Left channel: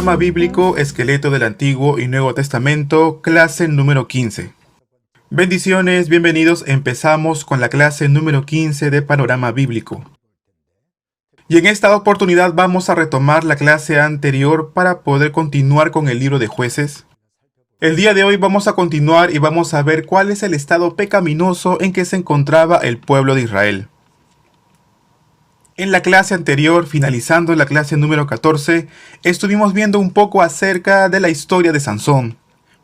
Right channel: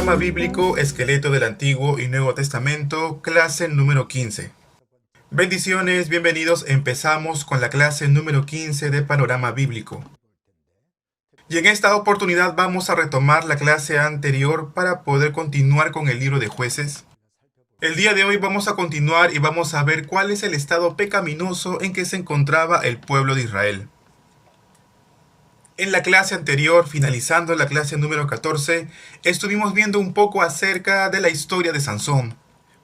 Panorama Bíblico, Esqueleto del Antiguo y Nuevo Testamento, clase número 15. Bendiciones, bienvenidos. Empezamos con la clase número 15 de Panorama Bíblico. Y en esta oportunidad vamos a retomar la clase anterior para poder continuar con el libro de Jueces. El día de hoy vamos a continuar y vamos a ver cuál es el estado pecaminoso en que se encontraba el pueblo de Israel. En la clase anterior, finalizando la clase número 14, estuvimos viendo un poco acerca de la historia de Sansón.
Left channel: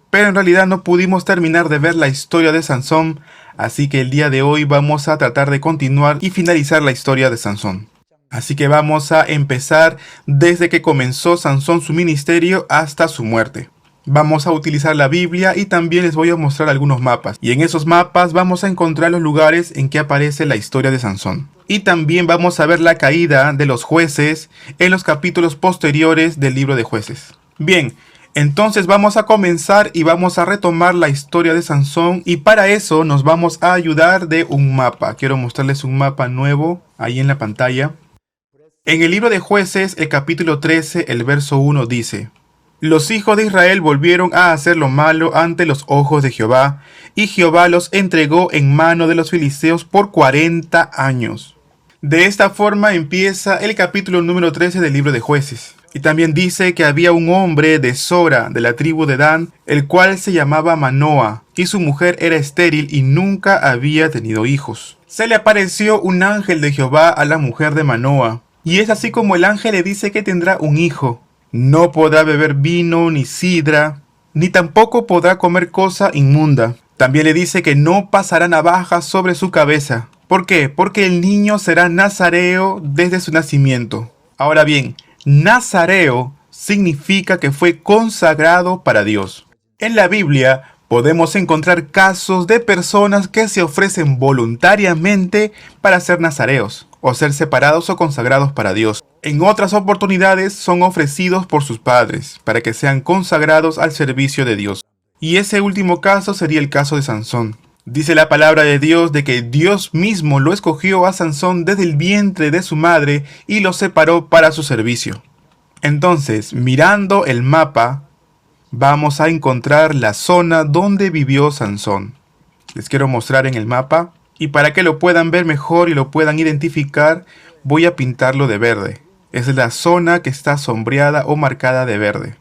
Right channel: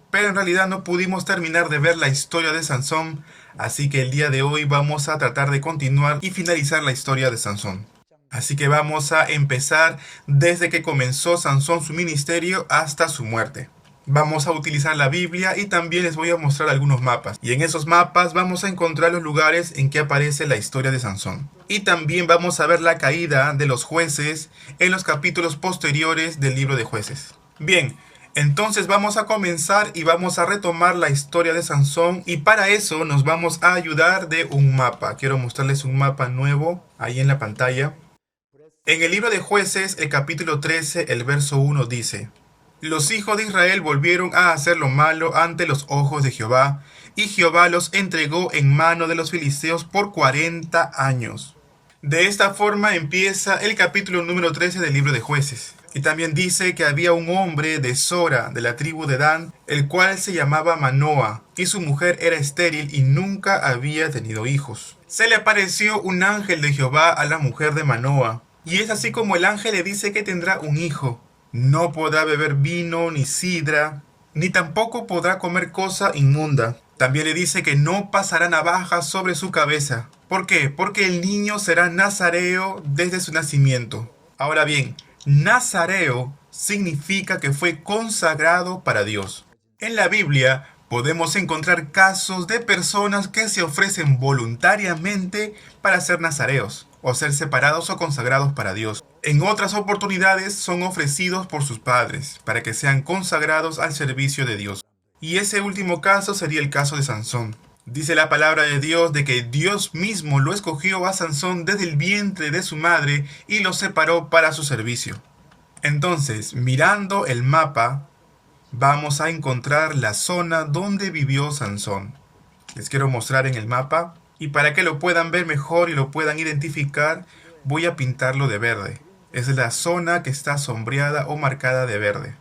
Pero en realidad no pudimos terminar de ver la historia de Sansón, así que el día de hoy vamos a tratar de continuar y finalizar la historia de Sansón. Así que vamos a empezar desde que comenzó Sansón su ministerio hasta su muerte. Vamos a utilizar la Biblia y también les voy a mostrar algunos mapas. Y en esos mapas vamos a encontrar los lugares en que aparece la historia de Sansón. Y también vamos a ver la caída de los jueces en los capítulos posteriores del libro de Jueces. Bien, entonces vamos a comenzar y vamos a retomar la historia de Sansón. Y para eso nos vamos a ayudar de un mapa. Quiero mostrarles un mapa nuevo ahí en la pantalla. En el libro de Jueces, el capítulo 13, el verso 1 dice: Los hijos de Israel volvieron a hacer lo malo ante los ojos de Jehová, y Jehová los entregó en mano de los filisteos por 40 años. De esta forma empieza el capítulo número 13 del libro de Jueces. Y también dice que había un hombre de Sora, de la tribu de Dan, el cual se llamaba Manoa, y su mujer era estéril y nunca había tenido hijos. Se le apareció un ángel de Jehová a la mujer de Manoa, y es así como el ángel le dice que tendrá un hijo. No podrá beber vino ni sidra, ni tampoco podrá comer cosa inmunda. También le dice que no pasará navaja sobre su cabeza. ¿Por qué? Porque el niño será nazareo desde su nacimiento. Ahora bien, nazareo significa que fue consagrado para Dios. En la Biblia podemos encontrar casos de personas que se ofrecen voluntariamente para ser nazareos, o ser separados o consagrados para Dios. En otras oportunidades son ofrecidos por sus padres, para que sean consagrados al servicio de Dios. Y ese último caso sería el caso de Sansón. Dice la palabra de Dios de que Dios mismo lo escogió a Sansón desde el vientre de su madre y lo separó para su servicio. Entonces, mirando el mapa, vamos a encontrar la zona donde vivió Sansón. Les quiero mostrar en el mapa, y para que lo puedan ver mejor y lo puedan identificar, voy a pintarlo de verde. Es la zona que está sombreada o marcada de verde.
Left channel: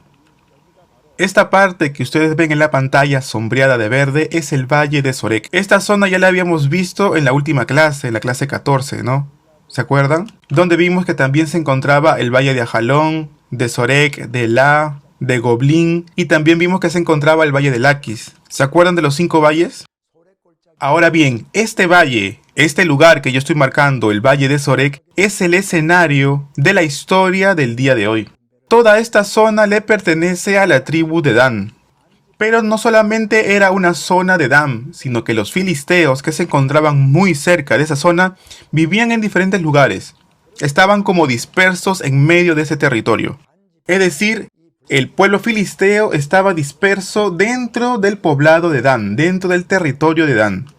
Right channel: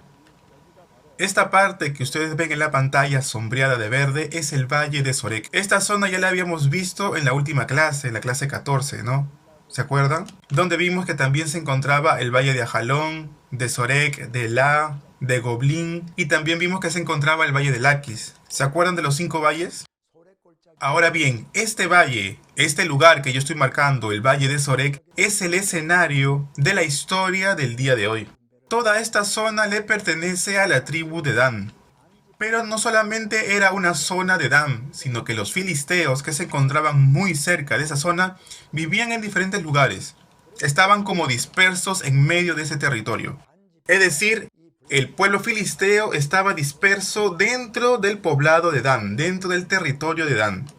Esta parte que ustedes ven en la pantalla sombreada de verde es el Valle de Sorek. Esta zona ya la habíamos visto en la última clase, en la clase 14, ¿no? ¿Se acuerdan? Donde vimos que también se encontraba el Valle de Ajalón, de Sorek, de La, de Goblín, y también vimos que se encontraba el Valle de Laquis. ¿Se acuerdan de los 5 valles? Ahora bien, este valle, este lugar que yo estoy marcando, el Valle de Sorek, es el escenario de la historia del día de hoy. Toda esta zona le pertenece a la tribu de Dan. Pero no solamente era una zona de Dan, sino que los filisteos que se encontraban muy cerca de esa zona vivían en diferentes lugares. Estaban como dispersos en medio de ese territorio. Es decir, el pueblo filisteo estaba disperso dentro del poblado de Dan, dentro del territorio de Dan.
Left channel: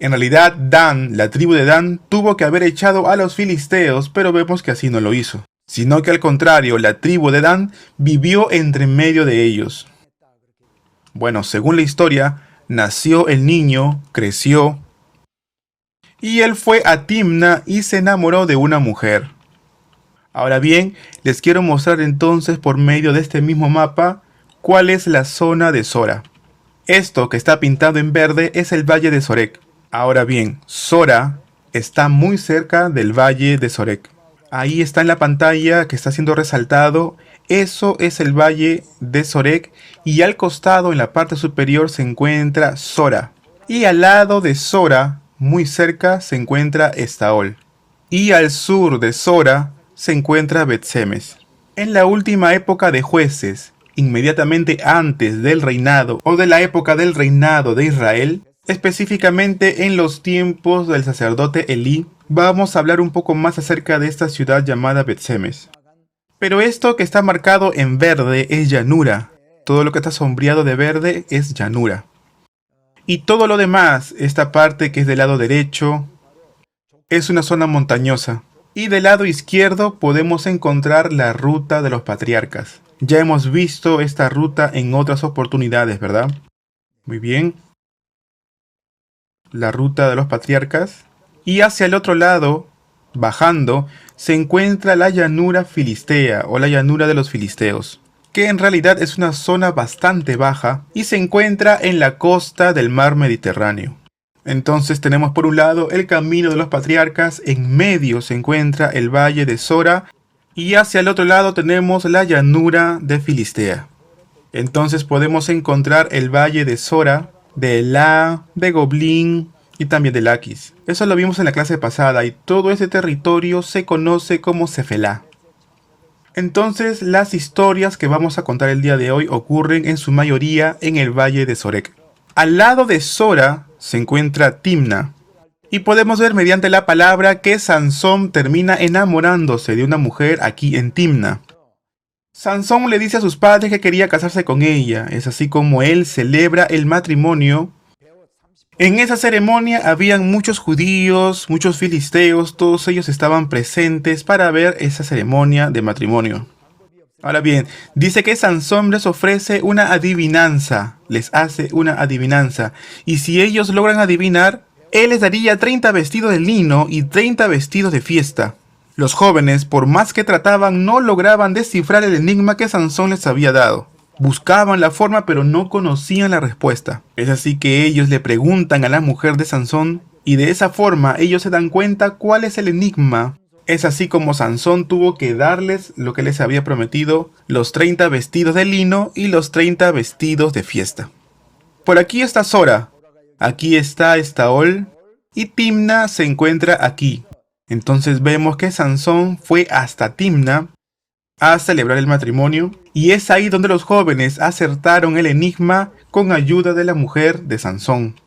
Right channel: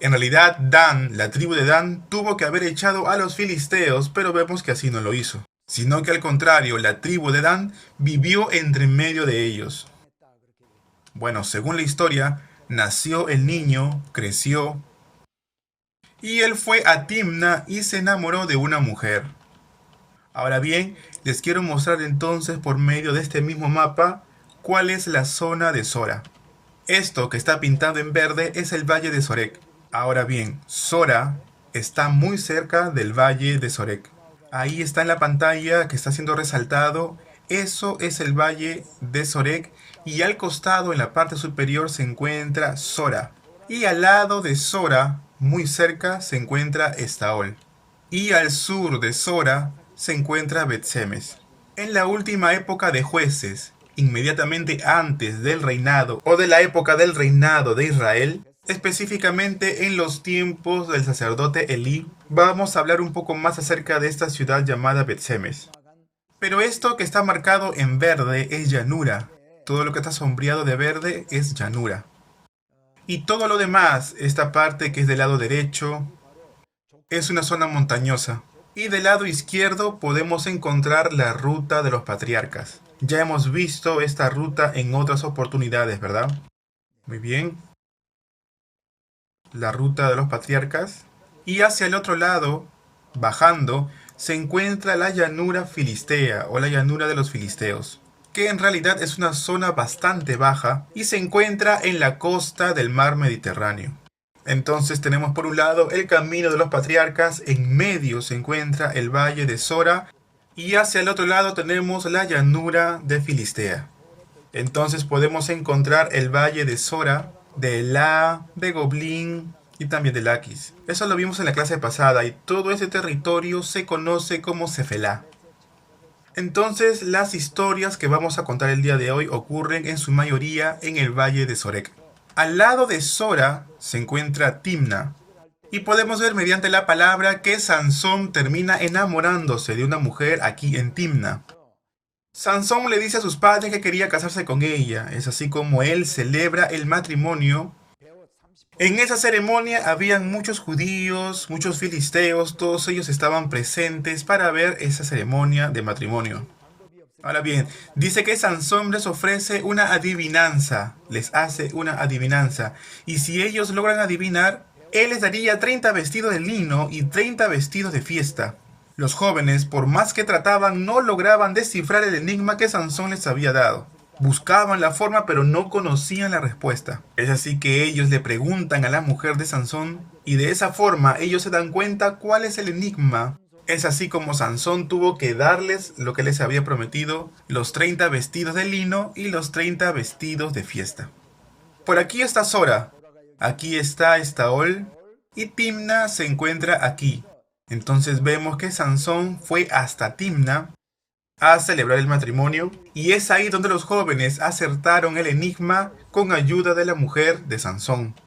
En realidad, Dan, la tribu de Dan, tuvo que haber echado a los filisteos, pero vemos que así no lo hizo. Sino que al contrario, la tribu de Dan vivió entre medio de ellos. Bueno, según la historia, nació el niño, creció, y él fue a Timna y se enamoró de una mujer. Ahora bien, les quiero mostrar entonces por medio de este mismo mapa cuál es la zona de Sora. Esto que está pintado en verde es el Valle de Sorek. Ahora bien, Sora está muy cerca del Valle de Sorek. Ahí está en la pantalla que está siendo resaltado. Eso es el Valle de Sorek y al costado en la parte superior se encuentra Sora. Y al lado de Sora, muy cerca, se encuentra Estaol. Y al sur de Sora se encuentra Bet-Semes. En la última época de Jueces, inmediatamente antes del reinado o de la época del reinado de Israel, específicamente en los tiempos del sacerdote Elí, vamos a hablar un poco más acerca de esta ciudad llamada Bet-Semes. Pero esto que está marcado en verde es llanura. Todo lo que está sombreado de verde es llanura. Y todo lo demás, esta parte que es del lado derecho, es una zona montañosa. Y del lado izquierdo podemos encontrar la ruta de los patriarcas. Ya hemos visto esta ruta en otras oportunidades, ¿verdad? Muy bien. La ruta de los patriarcas. Y hacia el otro lado, bajando, se encuentra la llanura filistea o la llanura de los filisteos, que en realidad es una zona bastante baja y se encuentra en la costa del mar Mediterráneo. Entonces tenemos por un lado el camino de los patriarcas, en medio se encuentra el valle de Sora y hacia el otro lado tenemos la llanura de Filistea. Entonces podemos encontrar el valle de Sora, de Elá, de Goblín y también de Laquis. Eso lo vimos en la clase pasada y todo ese territorio se conoce como Cefelá. Entonces las historias que vamos a contar el día de hoy ocurren en su mayoría en el valle de Sorek. Al lado de Sora se encuentra Timna. Y podemos ver mediante la palabra que Sansón termina enamorándose de una mujer aquí en Timna. Sansón le dice a sus padres que quería casarse con ella. Es así como él celebra el matrimonio. En esa ceremonia habían muchos judíos, muchos filisteos, todos ellos estaban presentes para ver esa ceremonia de matrimonio. Ahora bien, dice que Sansón les ofrece una adivinanza, les hace una adivinanza, y si ellos logran adivinar, él les daría 30 vestidos de lino y 30 vestidos de fiesta. Los jóvenes, por más que trataban, no lograban descifrar el enigma que Sansón les había dado. Buscaban la forma pero no conocían la respuesta. Es así que ellos le preguntan a la mujer de Sansón y de esa forma ellos se dan cuenta cuál es el enigma. Es así como Sansón tuvo que darles lo que les había prometido, los 30 vestidos de lino y los 30 vestidos de fiesta. Por aquí está Sora, aquí está Estaol y Timna se encuentra aquí. Entonces vemos que Sansón fue hasta Timna a celebrar el matrimonio y es ahí donde los jóvenes acertaron el enigma con ayuda de la mujer de Sansón.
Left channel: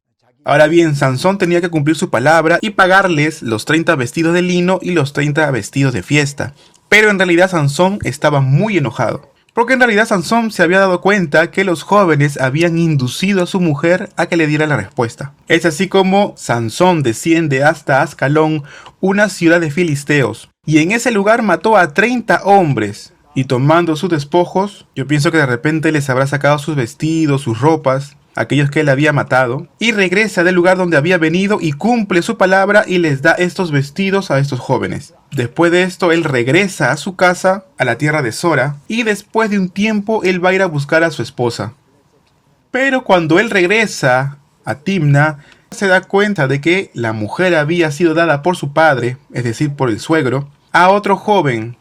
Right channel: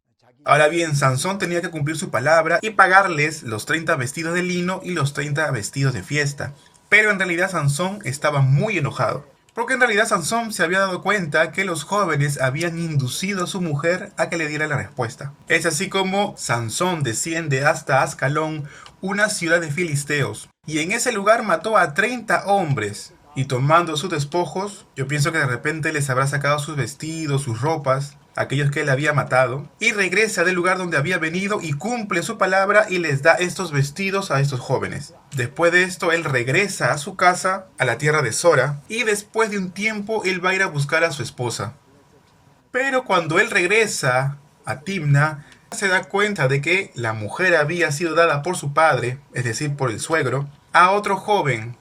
Ahora bien, Sansón tenía que cumplir su palabra y pagarles los 30 vestidos de lino y los 30 vestidos de fiesta. Pero en realidad Sansón estaba muy enojado, porque en realidad Sansón se había dado cuenta que los jóvenes habían inducido a su mujer a que le diera la respuesta. Es así como Sansón desciende hasta Ascalón, una ciudad de filisteos, y en ese lugar mató a 30 hombres. Y tomando sus despojos, yo pienso que de repente les habrá sacado sus vestidos, sus ropas, aquellos que él había matado, y regresa del lugar donde había venido y cumple su palabra y les da estos vestidos a estos jóvenes. Después de esto, él regresa a su casa, a la tierra de Sora, y después de un tiempo él va a ir a buscar a su esposa. Pero cuando él regresa a Timna, se da cuenta de que la mujer había sido dada por su padre, es decir, por el suegro, a otro joven.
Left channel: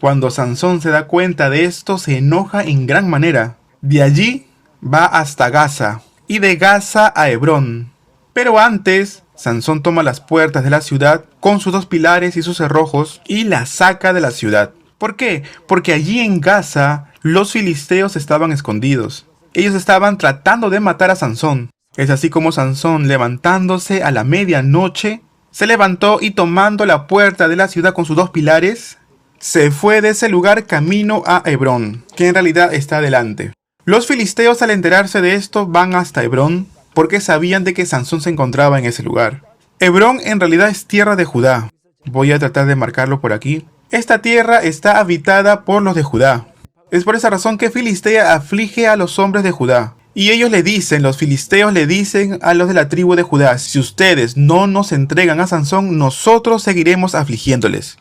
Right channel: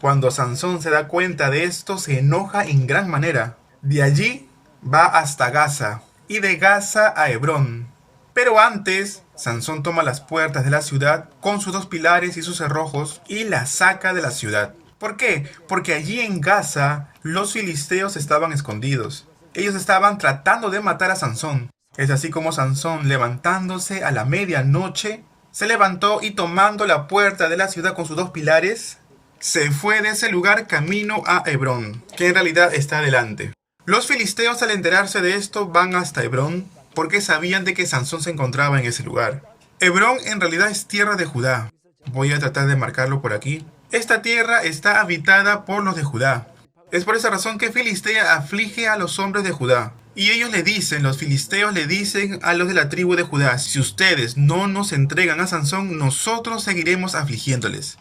Cuando Sansón se da cuenta de esto, se enoja en gran manera. De allí va hasta Gaza, y de Gaza a Hebrón. Pero antes, Sansón toma las puertas de la ciudad con sus 2 pilares y sus cerrojos y la saca de la ciudad. ¿Por qué? Porque allí en Gaza los filisteos estaban escondidos. Ellos estaban tratando de matar a Sansón. Es así como Sansón, levantándose a la medianoche, se levantó y tomando la puerta de la ciudad con sus 2 pilares, se fue de ese lugar camino a Hebrón, que en realidad está adelante. Los filisteos, al enterarse de esto, van hasta Hebrón porque sabían de que Sansón se encontraba en ese lugar. Hebrón en realidad es tierra de Judá. Voy a tratar de marcarlo por aquí. Esta tierra está habitada por los de Judá. Es por esa razón que Filistea aflige a los hombres de Judá. Y ellos le dicen, los filisteos le dicen a los de la tribu de Judá: si ustedes no nos entregan a Sansón, nosotros seguiremos afligiéndoles.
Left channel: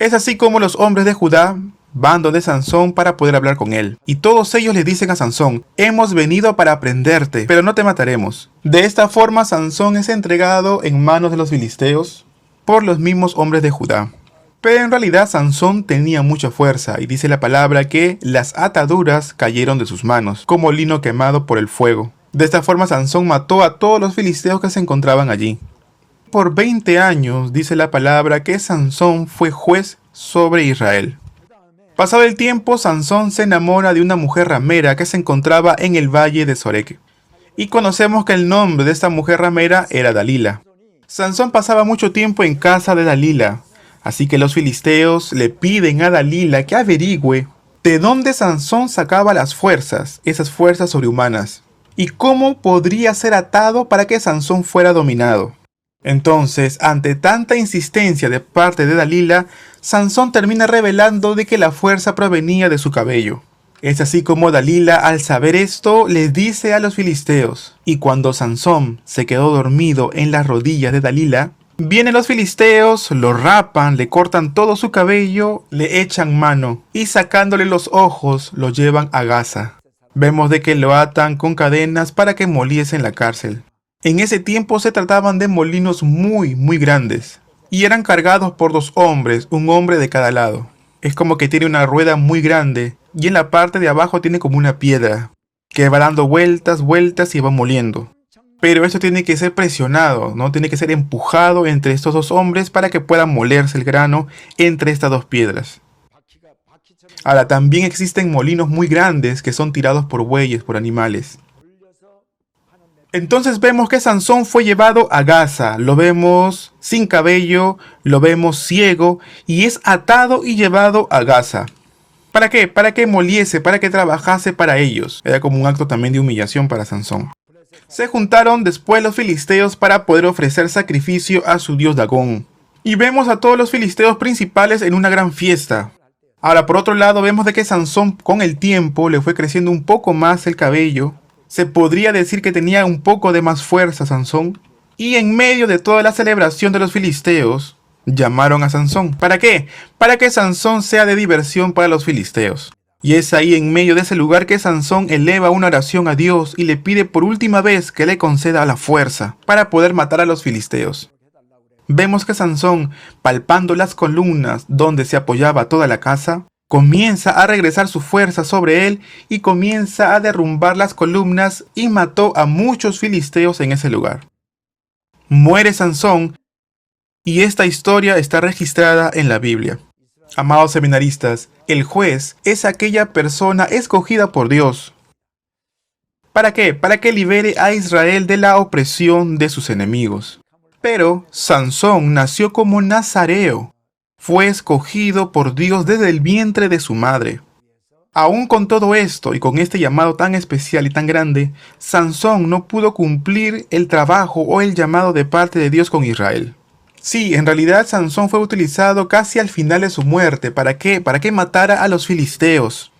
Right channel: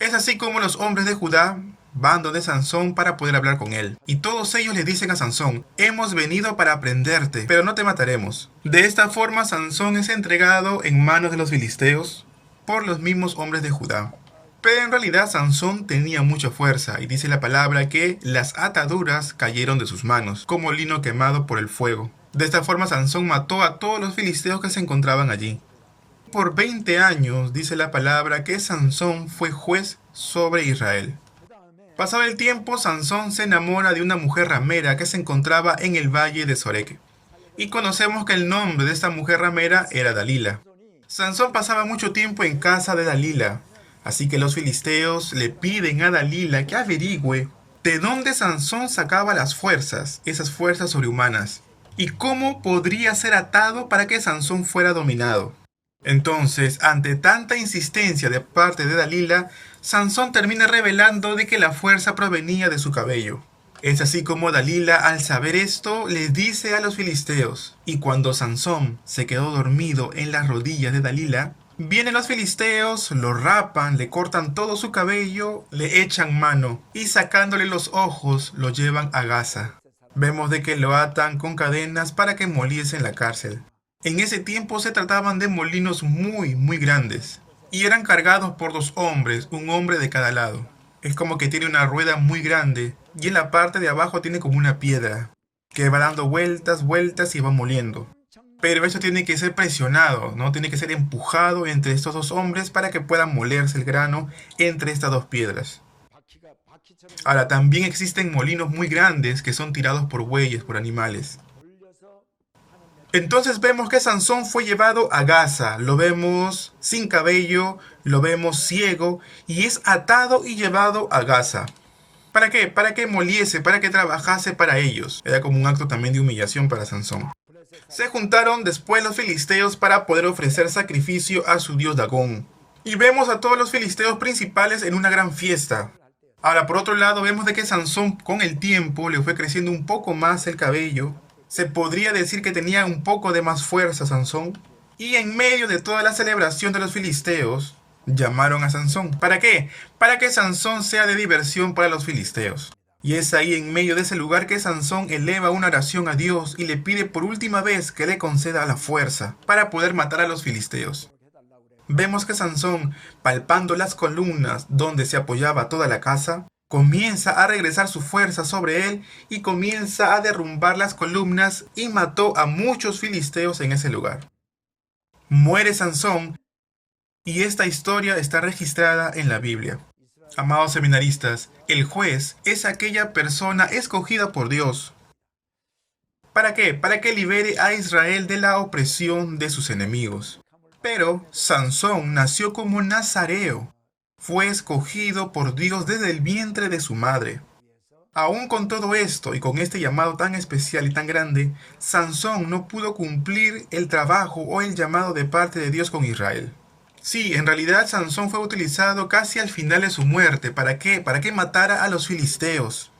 Es así como los hombres de Judá van donde Sansón para poder hablar con él. Y todos ellos le dicen a Sansón: hemos venido para prenderte, pero no te mataremos. De esta forma Sansón es entregado en manos de los filisteos por los mismos hombres de Judá. Pero en realidad Sansón tenía mucha fuerza y dice la palabra que las ataduras cayeron de sus manos, como lino quemado por el fuego. De esta forma Sansón mató a todos los filisteos que se encontraban allí. Por 20 años dice la palabra que Sansón fue juez sobre Israel. Pasado el tiempo, Sansón se enamora de una mujer ramera que se encontraba en el valle de Sorek. Y conocemos que el nombre de esta mujer ramera era Dalila. Sansón pasaba mucho tiempo en casa de Dalila. Así que los filisteos le piden a Dalila que averigüe de dónde Sansón sacaba las fuerzas, esas fuerzas sobrehumanas, y cómo podría ser atado para que Sansón fuera dominado. Entonces, ante tanta insistencia de parte de Dalila, Sansón termina revelando de que la fuerza provenía de su cabello. Es así como Dalila, al saber esto, les dice a los filisteos. Y cuando Sansón se quedó dormido en las rodillas de Dalila, vienen los filisteos, lo rapan, le cortan todo su cabello, le echan mano y sacándole los ojos lo llevan a Gaza. Vemos de que lo atan con cadenas para que moliese en la cárcel. En ese tiempo se trataban de molinos muy grandes y eran cargados por 2 hombres, un hombre de cada lado. Es como que tiene una rueda muy grande y en la parte de abajo tiene como una piedra que va dando vueltas y va moliendo. Pero eso tiene que ser presionado, ¿no? Tiene que ser empujado entre estos 2 hombres para que pueda molerse el grano entre estas 2 piedras. Ahora, también existen molinos muy grandes que son tirados por bueyes, por animales. Entonces vemos que Sansón fue llevado a Gaza, lo vemos sin cabello, lo vemos ciego y es atado y llevado a Gaza. ¿Para qué? Para que moliese, para que trabajase para ellos. Era como un acto también de humillación para Sansón. Se juntaron después los filisteos para poder ofrecer sacrificio a su dios Dagón. Y vemos a todos los filisteos principales en una gran fiesta. Ahora, por otro lado, vemos de que Sansón con el tiempo le fue creciendo un poco más el cabello. Se podría decir que tenía un poco de más fuerza Sansón. Y en medio de toda la celebración de los filisteos, llamaron a Sansón. ¿Para qué? Para que Sansón sea de diversión para los filisteos. Y es ahí en medio de ese lugar que Sansón eleva una oración a Dios y le pide por última vez que le conceda la fuerza para poder matar a los filisteos. Vemos que Sansón, palpando las columnas donde se apoyaba toda la casa, comienza a regresar su fuerza sobre él y comienza a derrumbar las columnas y mató a muchos filisteos en ese lugar. Muere Sansón y esta historia está registrada en la Biblia. Amados seminaristas, el juez es aquella persona escogida por Dios. ¿Para qué? Para que libere a Israel de la opresión de sus enemigos. Pero Sansón nació como nazareo. Fue escogido por Dios desde el vientre de su madre. Aún con todo esto y con este llamado tan especial y tan grande, Sansón no pudo cumplir el trabajo o el llamado de parte de Dios con Israel. Sí, en realidad Sansón fue utilizado casi al final de su muerte. ¿Para qué? Para que matara a los filisteos.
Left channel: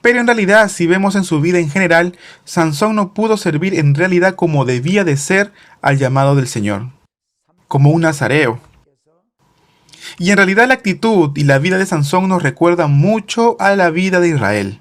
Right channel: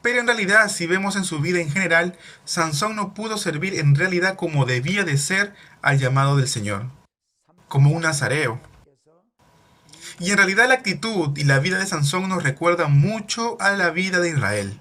Pero en realidad, si vemos en su vida en general, Sansón no pudo servir en realidad como debía de ser al llamado del Señor, como un nazareo. Y en realidad la actitud y la vida de Sansón nos recuerdan mucho a la vida de Israel.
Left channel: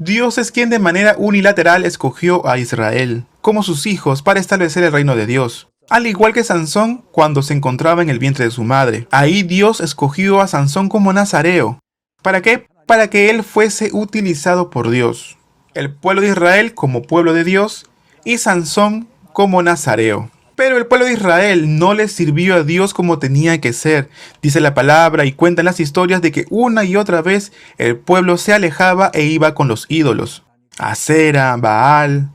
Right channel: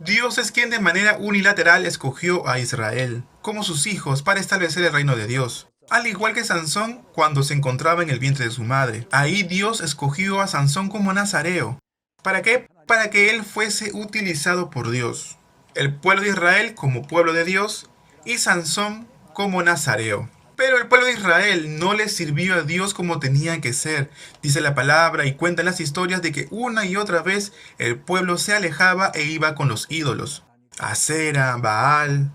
Dios es quien de manera unilateral escogió a Israel como sus hijos para establecer el reino de Dios. Al igual que Sansón cuando se encontraba en el vientre de su madre. Ahí Dios escogió a Sansón como nazareo. ¿Para qué? Para que él fuese utilizado por Dios. El pueblo de Israel como pueblo de Dios y Sansón como nazareo. Pero el pueblo de Israel no le sirvió a Dios como tenía que ser. Dice la palabra y cuentan las historias de que una y otra vez el pueblo se alejaba e iba con los ídolos. Acera, Baal.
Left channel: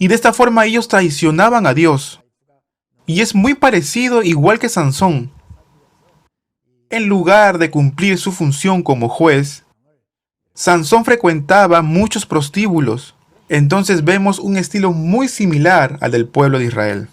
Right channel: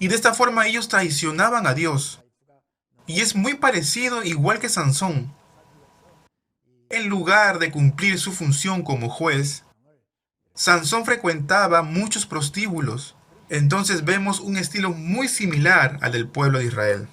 Y de esta forma ellos traicionaban a Dios. Y es muy parecido igual que Sansón. En lugar de cumplir su función como juez, Sansón frecuentaba muchos prostíbulos. Entonces vemos un estilo muy similar al del pueblo de Israel.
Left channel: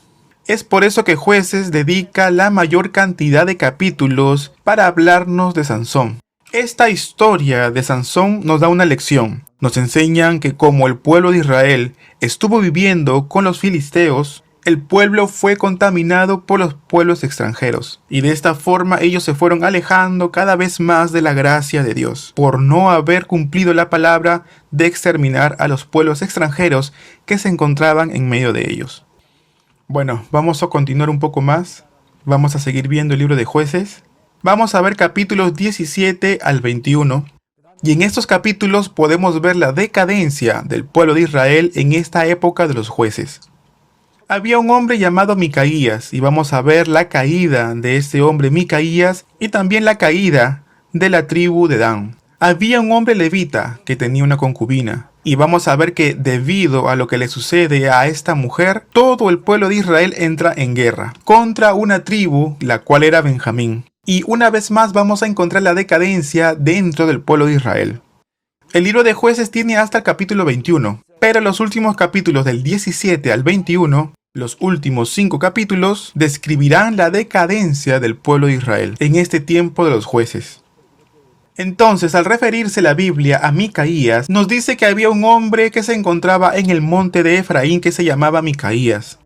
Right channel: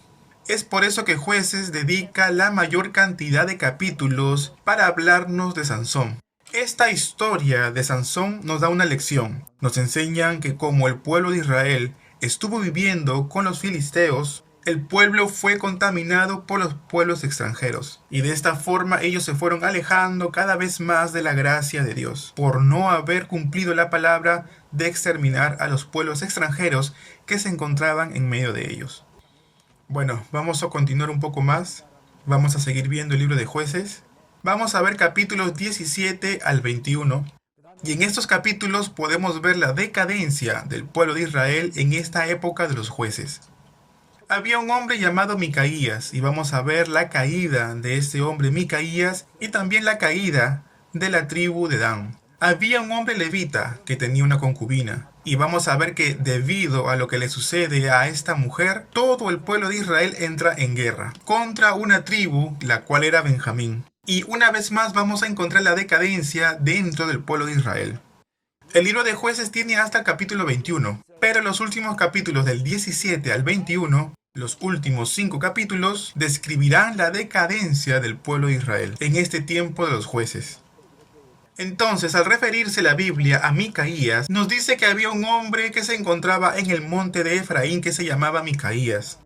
Es por eso que Jueces dedica la mayor cantidad de capítulos para hablarnos de Sansón. Esta historia de Sansón nos da una lección. Nos enseñan que como el pueblo de Israel estuvo viviendo con los filisteos, el pueblo fue contaminado por los pueblos extranjeros. Y de esta forma ellos se fueron alejando cada vez más de la gracia de Dios, por no haber cumplido la palabra de exterminar a los pueblos extranjeros que se encontraban en medio de ellos. Bueno, vamos a continuar un poco más. Vamos a seguir viendo el libro de Jueces. Vamos a ver capítulos 17 al 21. Y en estos capítulos podemos ver la decadencia del pueblo de Israel en esta época de los jueces. Había un hombre llamado Micaías y vamos a ver la caída de este hombre Micaías y también la caída de la tribu de Dan. Había un hombre levita que tenía una concubina y vamos a ver que debido a lo que le sucede a esta mujer, todo el pueblo de Israel entra en guerra contra una tribu, la cual era Benjamín. Y una vez más vamos a encontrar la decadencia dentro del pueblo de Israel. El libro de Jueces tiene hasta el capítulo 21, pero los últimos capítulos del 17 al 21, los últimos 5 capítulos, describirán la decadencia del pueblo de Israel en este tiempo de los jueces. Entonces, al referirse la Biblia a Micaías, nos dice que había un hombre que se encontraba en el monte de Efraín que se llamaba Micaías.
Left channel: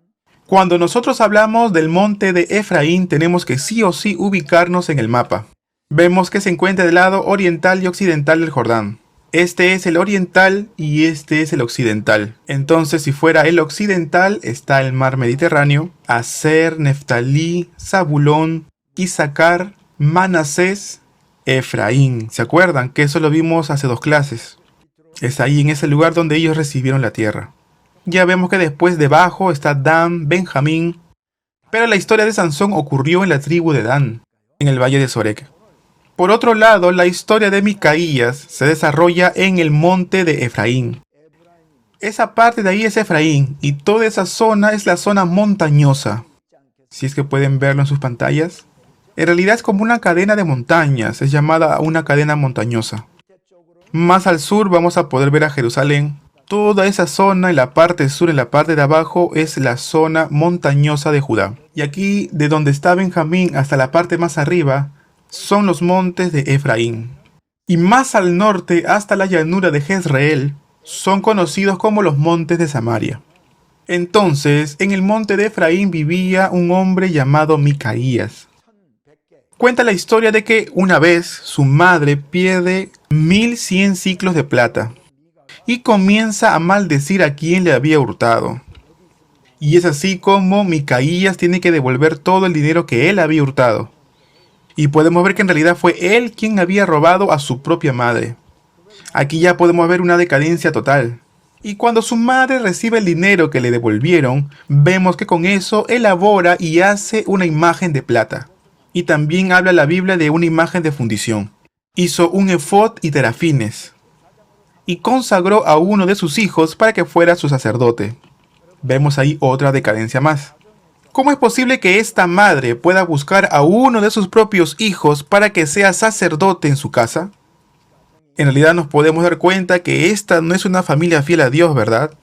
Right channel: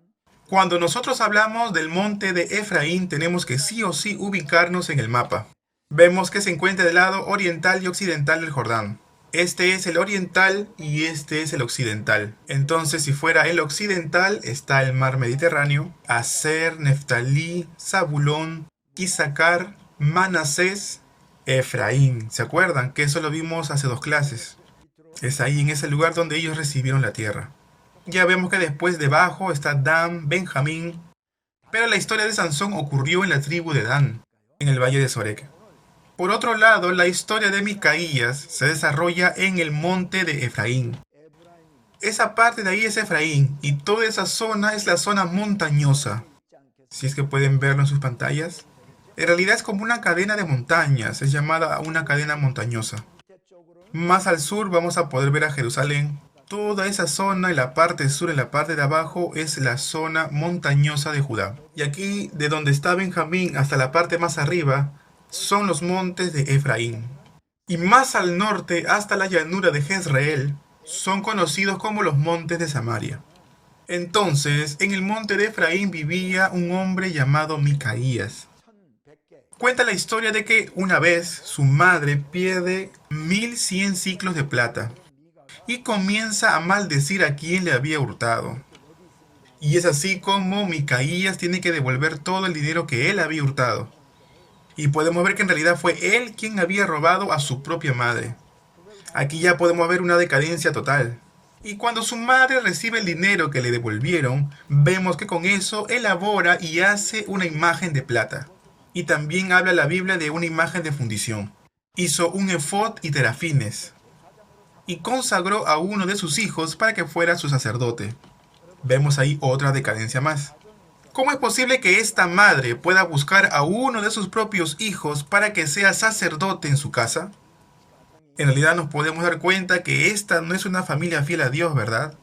Cuando nosotros hablamos del monte de Efraín, tenemos que sí o sí ubicarnos en el mapa. Vemos que se encuentra del lado oriental y occidental del Jordán. Este es el oriental y este es el occidental. Entonces, si fuera el occidental, está el mar Mediterráneo, Aser, Neftalí, Zabulón, Isaacar, Manasés, Efraín. ¿Se acuerdan? Que eso lo vimos hace 2 clases. Es ahí en ese lugar donde ellos recibieron la tierra. Ya vemos que después debajo está Dan, Benjamín. Pero la historia de Sansón ocurrió en la tribu de Dan, en el valle de Sorek. Por otro lado, la historia de Micaías se desarrolla en el monte de Efraín. Esa parte de ahí es Efraín y toda esa zona es la zona montañosa. Si es que pueden verlo en sus pantallas. En realidad es como una cadena de montañas, es llamada una cadena montañosa. Más al sur vamos a poder ver a Jerusalén. Toda esa zona en la parte sur, en la parte de abajo, es la zona montañosa de Judá. Y aquí, de donde está Benjamín hasta la parte más arriba, son los montes de Efraín. Y más al norte, hasta la llanura de Jezreel, son conocidos como los montes de Samaria. Entonces, en el monte de Efraín vivía un hombre llamado Micaías. Cuenta la historia de que una vez su madre pierde 1100 ciclos de plata y comienza a maldecir a quien le había hurtado. Y es así como Micaías tiene que devolver todo el dinero que él había hurtado. Y podemos ver que en realidad fue él quien había robado a su propia madre. Aquí ya podemos ver una decadencia total. Y cuando su madre recibe el dinero que le devolvieron, vemos que con eso elabora y hace una imagen de plata. Y también habla la Biblia de una imagen de fundición. Hizo un efod y terafines. Y consagró a uno de sus hijos para que fuera su sacerdote. Vemos ahí otra decadencia más. ¿Cómo es posible que esta madre pueda buscar a uno de sus propios hijos para que sea sacerdote en su casa? En realidad nos podemos dar cuenta que esta no es una familia fiel a Dios, ¿verdad?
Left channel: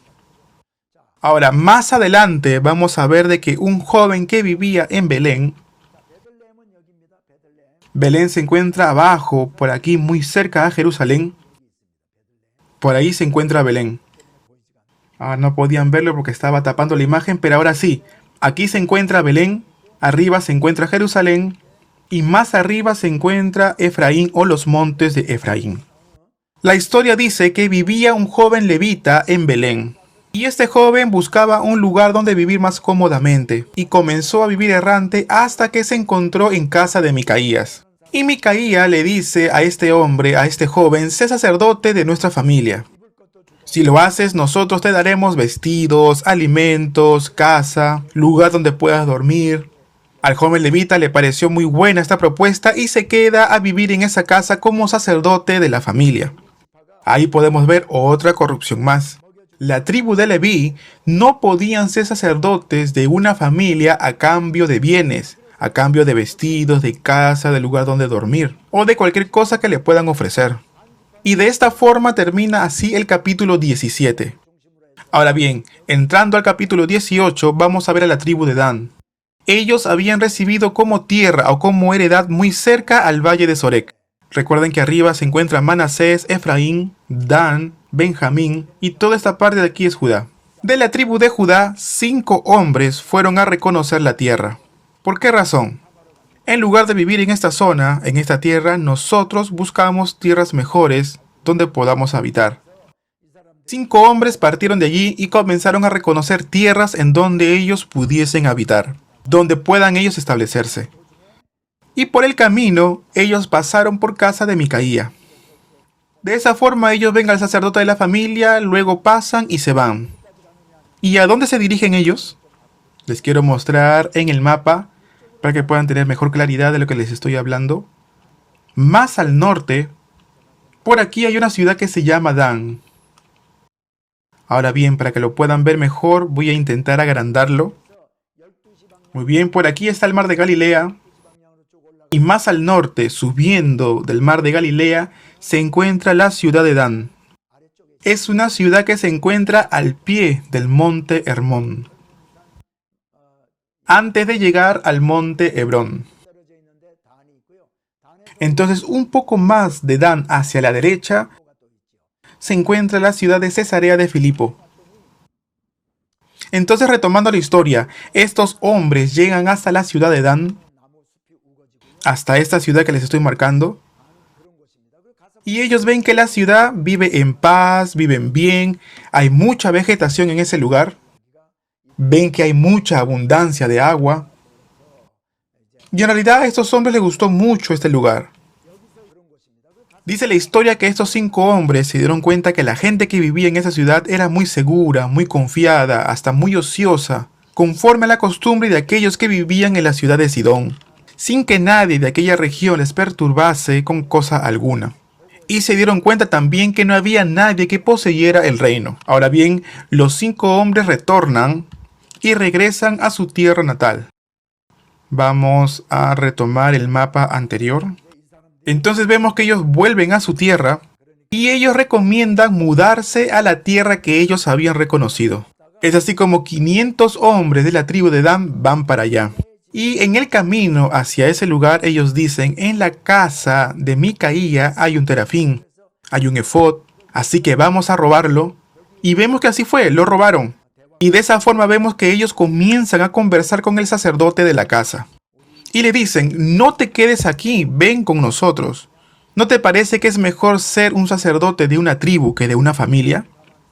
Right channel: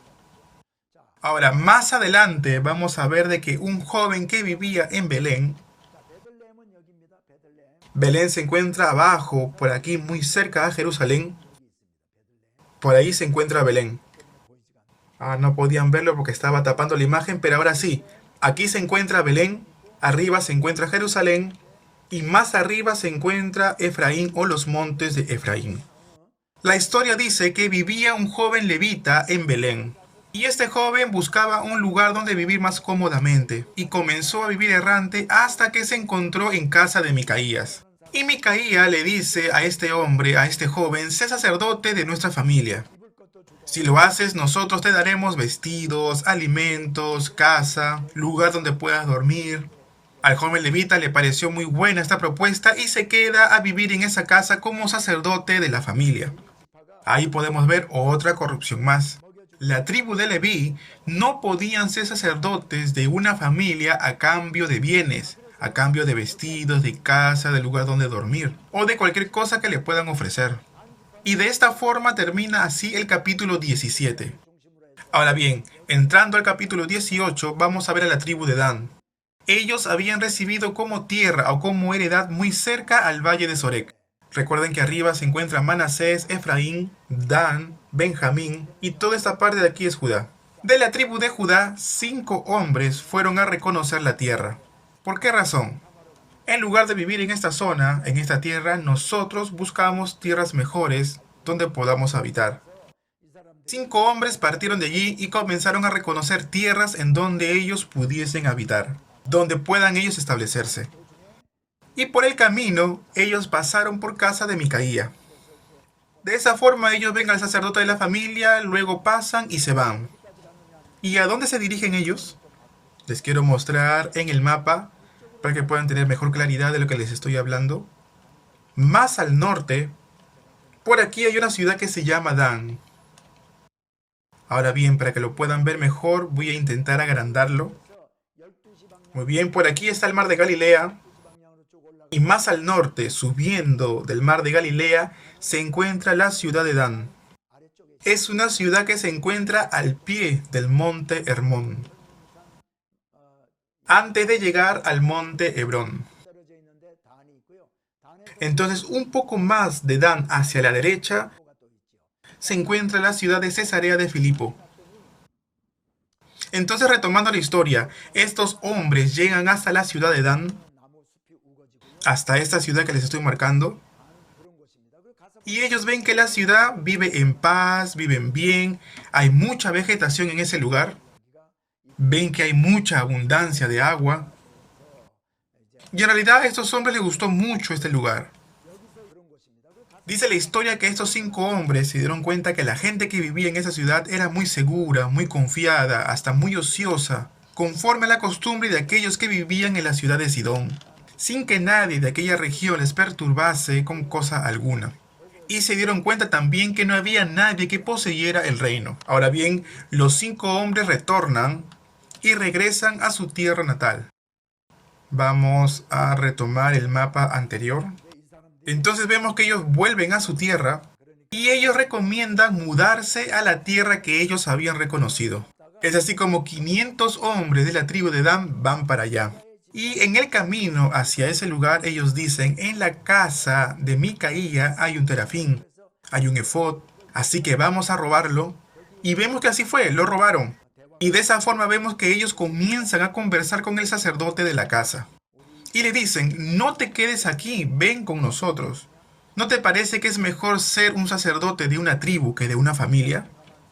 Ahora, más adelante vamos a ver de que un joven que vivía en Belén, Belén se encuentra abajo, por aquí muy cerca a Jerusalén, por ahí se encuentra Belén. No podían verlo porque estaba tapando la imagen, pero ahora sí. Aquí se encuentra Belén, arriba se encuentra Jerusalén y más arriba se encuentra Efraín o los montes de Efraín. La historia dice que vivía un joven levita en Belén. Y este joven buscaba un lugar donde vivir más cómodamente y comenzó a vivir errante hasta que se encontró en casa de Micaías. Y Micaías le dice a este hombre, a este joven, sé sacerdote de nuestra familia. Si lo haces, nosotros te daremos vestidos, alimentos, casa, lugar donde puedas dormir. Al joven levita le pareció muy buena esta propuesta y se queda a vivir en esa casa como sacerdote de la familia. Ahí podemos ver otra corrupción más. La tribu de Leví no podían ser sacerdotes de una familia a cambio de bienes, a cambio de vestidos, de casa, de lugar donde dormir, o de cualquier cosa que le puedan ofrecer. Y de esta forma termina así el capítulo 17. Ahora bien, entrando al capítulo 18, vamos a ver a la tribu de Dan. Ellos habían recibido como tierra o como heredad muy cerca al valle de Sorek. Recuerden que arriba se encuentran Manasés, Efraín, Dan, Benjamín y toda esta parte de aquí es Judá. De la tribu de Judá, 5 hombres fueron a reconocer la tierra. ¿Por qué razón? En lugar de vivir en esta zona, en esta tierra, nosotros buscamos tierras mejores donde podamos habitar. 5 hombres partieron de allí y comenzaron a reconocer tierras en donde ellos pudiesen habitar, donde puedan ellos establecerse. Y por el camino, ellos pasaron por casa de Micaía. De esa forma ellos ven al sacerdote de la familia, luego pasan y se van. ¿Y a dónde se dirigen ellos? Les quiero mostrar en el mapa para que puedan tener mejor claridad de lo que les estoy hablando. Más al norte, por aquí hay una ciudad que se llama Dan. Ahora bien, para que lo puedan ver mejor, voy a intentar agrandarlo. Muy bien, por aquí está el mar de Galilea. Y más al norte, subiendo del mar de Galilea, se encuentra la ciudad de Dan. Es una ciudad que se encuentra al pie del monte Hermón, antes de llegar al monte Hebrón. Entonces, un poco más de Dan hacia la derecha, se encuentra la ciudad de Cesarea de Filipo. Entonces, retomando la historia, estos hombres llegan hasta la ciudad de Dan, hasta esta ciudad que les estoy marcando, y ellos ven que la ciudad vive en paz, viven bien, hay mucha vegetación en ese lugar, ven que hay mucha abundancia de agua, y en realidad a estos hombres les gustó mucho este lugar. Dice la historia que estos 5 hombres se dieron cuenta que la gente que vivía en esa ciudad era muy segura, muy confiada, hasta muy ociosa, conforme a la costumbre de aquellos que vivían en la ciudad de Sidón, sin que nadie de aquella región les perturbase con cosa alguna. Y se dieron cuenta también que no había nadie que poseyera el reino. Ahora bien, los 5 hombres retornan y regresan a su tierra natal. Vamos a retomar el mapa anterior. Entonces vemos que ellos vuelven a su tierra y ellos recomiendan mudarse a la tierra que ellos habían reconocido. Es así como 500 hombres de la tribu de Dan van para allá. Y en el camino hacia ese lugar ellos dicen, en la casa de Micaía hay un terafín, hay un efod, así que vamos a robarlo. Y vemos que así fue, lo robaron. Y de esa forma vemos que ellos comienzan a conversar con el sacerdote de la casa. Y le dicen, no te quedes aquí, ven con nosotros. ¿No te parece que es mejor ser un sacerdote de una tribu que de una familia?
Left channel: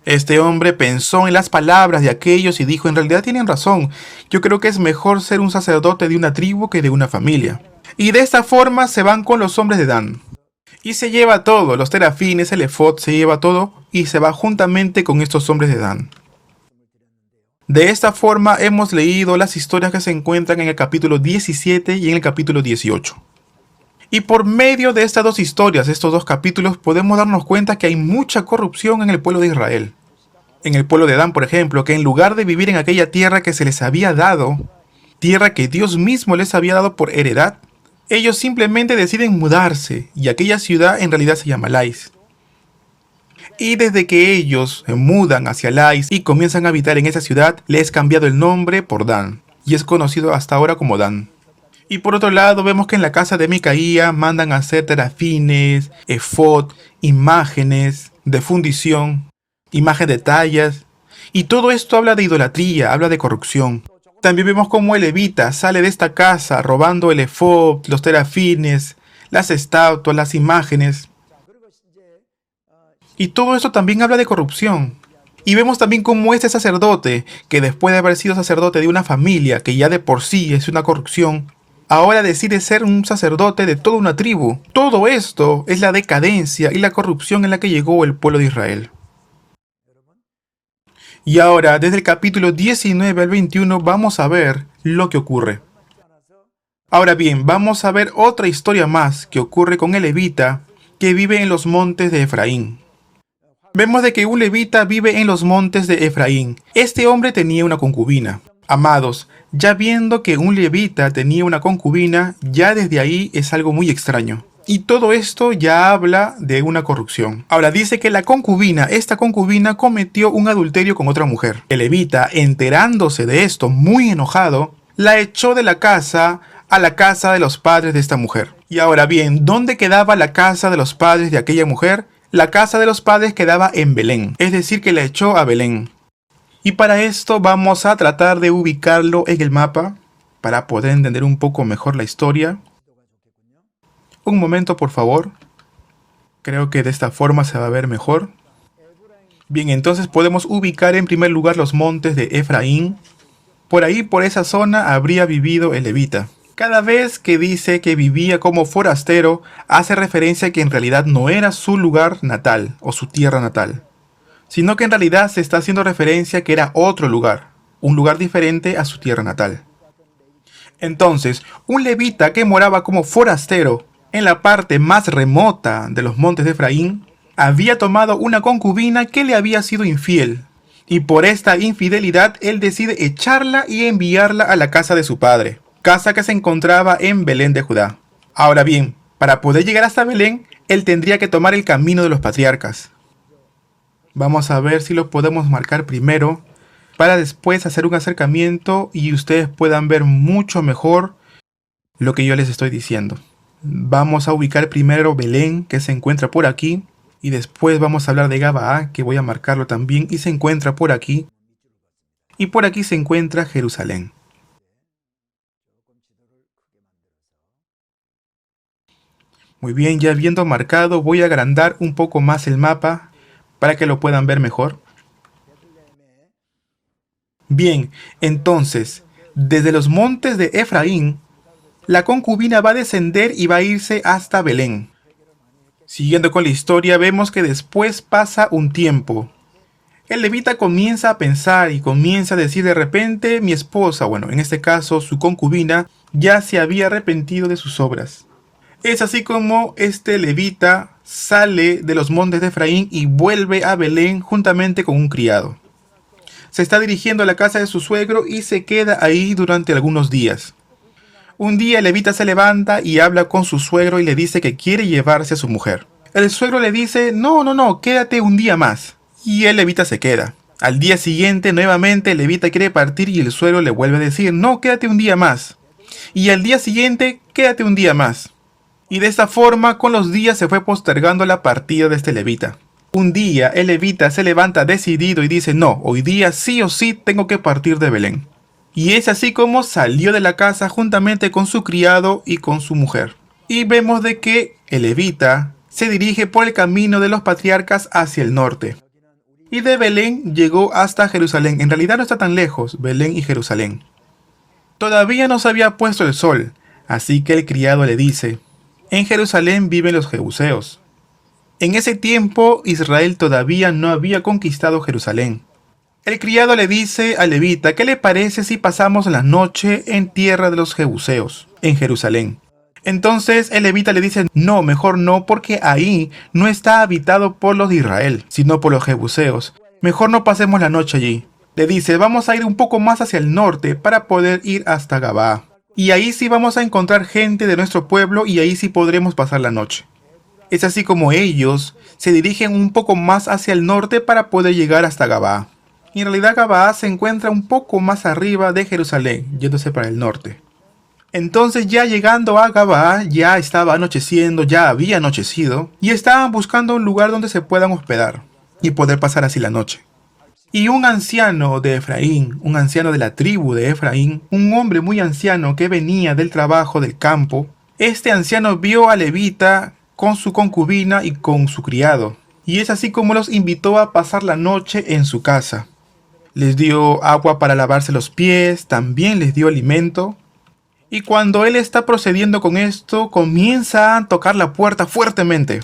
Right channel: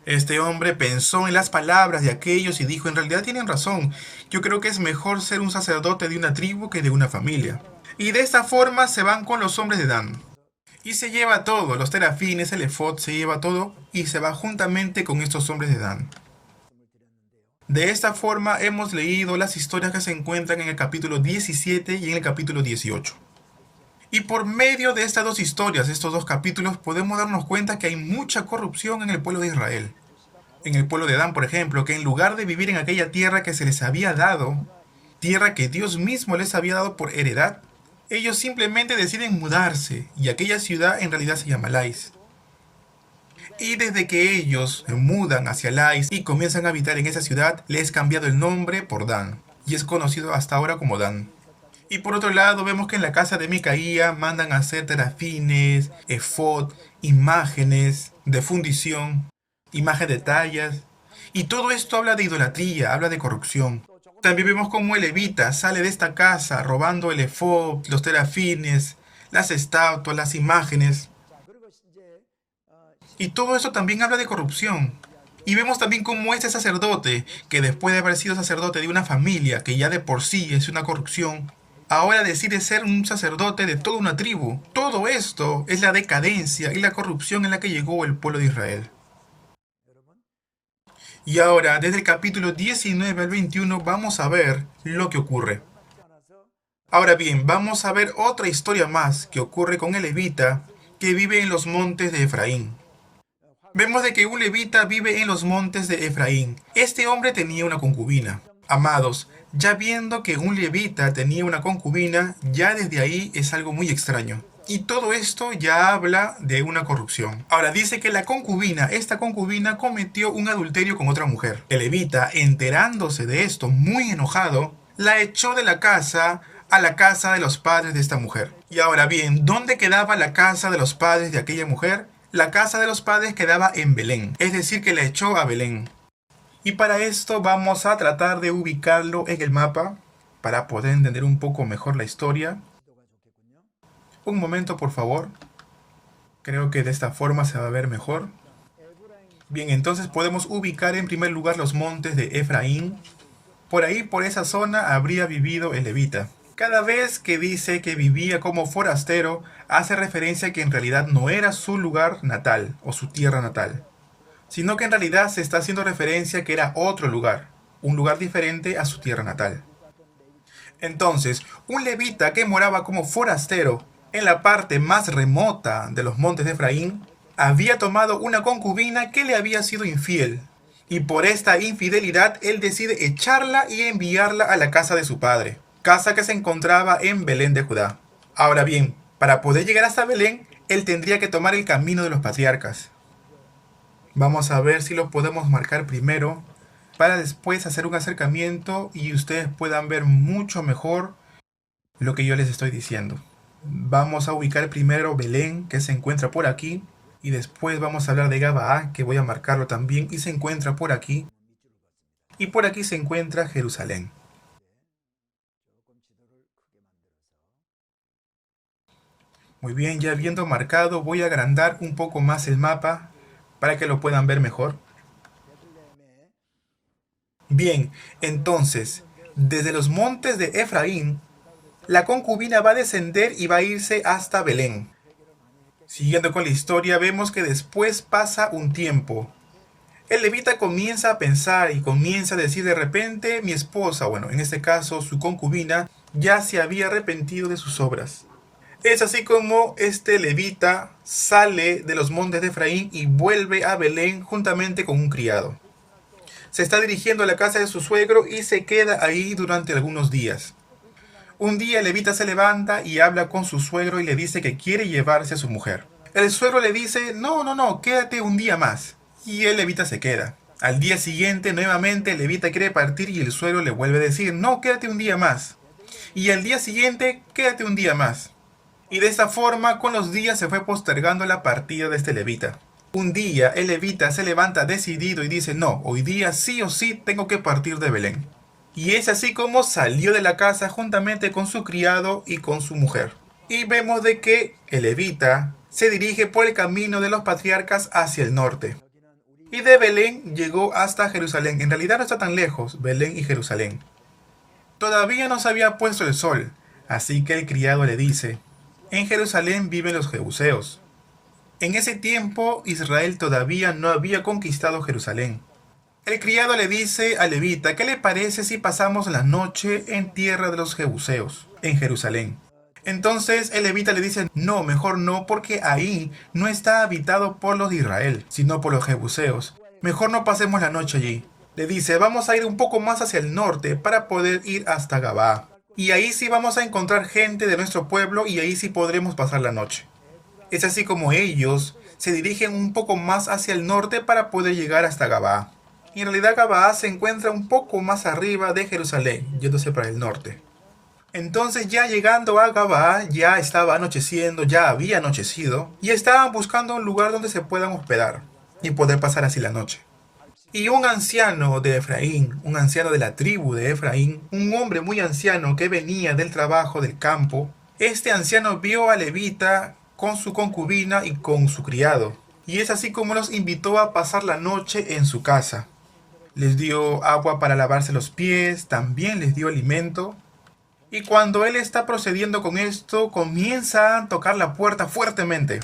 Este hombre pensó en las palabras de aquellos y dijo, en realidad tienen razón, yo creo que es mejor ser un sacerdote de una tribu que de una familia. Y de esta forma se van con los hombres de Dan. Y se lleva todo, los terafines, el efod, se lleva todo y se va juntamente con estos hombres de Dan. De esta forma hemos leído las historias que se encuentran en el capítulo 17 y en el capítulo 18. Y por medio de estas 2 historias, estos 2 capítulos, podemos darnos cuenta que hay mucha corrupción en el pueblo de Israel. En el pueblo de Dan, por ejemplo, que en lugar de vivir en aquella tierra que se les había dado, tierra que Dios mismo les había dado por heredad, ellos simplemente deciden mudarse, y aquella ciudad en realidad se llama Lais. Y desde que ellos se mudan hacia Lais y comienzan a habitar en esa ciudad, le es cambiado el nombre por Dan, y es conocido hasta ahora como Dan. Y por otro lado vemos que en la casa de Micaía mandan a hacer terafines, efod, imágenes de fundición, imágenes de tallas, y todo esto habla de idolatría, habla de corrupción. También vemos cómo el levita sale de esta casa robando el efod, los terafines, las estatuas, las imágenes. Y todo esto también habla de corrupción. Y vemos también cómo este sacerdote, que después de haber sido sacerdote de una familia que ya de por sí es una corrupción, ahora decide ser un sacerdote de toda una tribu. Todo esto es la decadencia y la corrupción en la que llegó el pueblo de Israel. Y ahora, desde el capítulo 19 al 21, vamos a ver lo que ocurre. Ahora bien, vamos a ver otra historia más que ocurre con el levita que vive en los montes de Efraín. Vemos de que un levita vive en los montes de Efraín. Este hombre tenía una concubina. Amados, ya viendo que un levita tenía una concubina, ya desde ahí es algo muy extraño. Y todo esto ya habla de una corrupción. Ahora dice que esta concubina cometió un adulterio con otra mujer. El levita, enterándose de esto, muy enojado, la echó de la casa a la casa de los padres de esta mujer. Y ahora bien, ¿dónde quedaba la casa de los padres de aquella mujer? La casa de los padres quedaba en Belén, es decir, que la echó a Belén. Y para esto vamos a tratar de ubicarlo en el mapa para poder entender un poco mejor la historia. Un momento, por favor. Creo que de esta forma se va a ver mejor. Bien, entonces podemos ubicar en primer lugar los montes de Efraín. Por ahí, por esa zona, habría vivido el levita. Cada vez que dice que vivía como forastero, hace referencia a que en realidad no era su lugar natal o su tierra natal, sino que en realidad se está haciendo referencia a que era otro lugar, un lugar diferente a su tierra natal. Entonces, un levita que moraba como forastero en la parte más remota de los montes de Efraín, había tomado una concubina que le había sido infiel, y por esta infidelidad él decide echarla y enviarla a la casa de su padre, casa que se encontraba en Belén de Judá. Ahora bien, para poder llegar hasta Belén, él tendría que tomar el camino de los patriarcas. Vamos a ver si lo podemos marcar primero, para después hacer un acercamiento y ustedes puedan ver mucho mejor lo que yo les estoy diciendo. Vamos a ubicar primero Belén, que se encuentra por aquí, y después vamos a hablar de Gabaa, que voy a marcarlo también, y se encuentra por aquí, y por aquí se encuentra Jerusalén. Muy bien, ya habiendo marcado, voy a agrandar un poco más el mapa para que lo puedan ver mejor. Bien, entonces, desde los montes de Efraín, la concubina va a descender y va a irse hasta Belén. Siguiendo con la historia, vemos que después pasa un tiempo. El levita comienza a pensar y comienza a decir de repente, mi esposa, bueno, en este caso su concubina, ya se había arrepentido de sus obras. Es así como este levita sale de los montes de Efraín y vuelve a Belén juntamente con un criado. Se está dirigiendo a la casa de su suegro y se queda ahí durante algunos días. Un día el levita se levanta y habla con su suegro y le dice que quiere llevarse a su mujer. El suegro le dice, no, quédate un día más. Y el levita se queda. Al día siguiente, nuevamente, el levita quiere partir y el suegro le vuelve a decir, no, quédate un día más. Y al día siguiente, quédate un día más. Y de esta forma, con los días se fue postergando la partida de este levita. Un día, el levita se levanta decidido y dice, no, hoy día sí o sí tengo que partir de Belén. Y es así como salió de la casa juntamente con su criado y con su mujer. Y vemos de que el levita se dirige por el camino de los patriarcas hacia el norte. Y de Belén llegó hasta Jerusalén. En realidad no está tan lejos, Belén y Jerusalén. Todavía no se había puesto el sol, así que el criado le dice, en Jerusalén viven los jebuseos. En ese tiempo Israel todavía no había conquistado Jerusalén. El criado le dice al levita, ¿qué le parece si pasamos la noche en tierra de los jebuseos, en Jerusalén? Entonces el levita le dice, no, mejor no, porque ahí no está habitado por los de Israel, sino por los jebuseos. Mejor no pasemos la noche allí. Le dice, vamos a ir un poco más hacia el norte para poder ir hasta Gabaa. Y ahí sí vamos a encontrar gente de nuestro pueblo y ahí sí podremos pasar la noche. Es así como ellos se dirigen un poco más hacia el norte para poder llegar hasta Gabaa. Y en realidad Gabaa se encuentra un poco más arriba de Jerusalén, yéndose para el norte. Entonces ya llegando a Gabaa, ya estaba anocheciendo, ya había anochecido, y estaban buscando un lugar donde se puedan hospedar y poder pasar así la noche. Y un anciano de Efraín, un anciano de la tribu de Efraín, un hombre muy anciano que venía del trabajo del campo, este anciano vio a Levita con su concubina y con su criado, y es así como los invitó a pasar la noche en su casa. Les dio agua para lavarse los pies, también les dio alimento. Y cuando él está procediendo con esto, comienza a tocar la puerta fuertemente.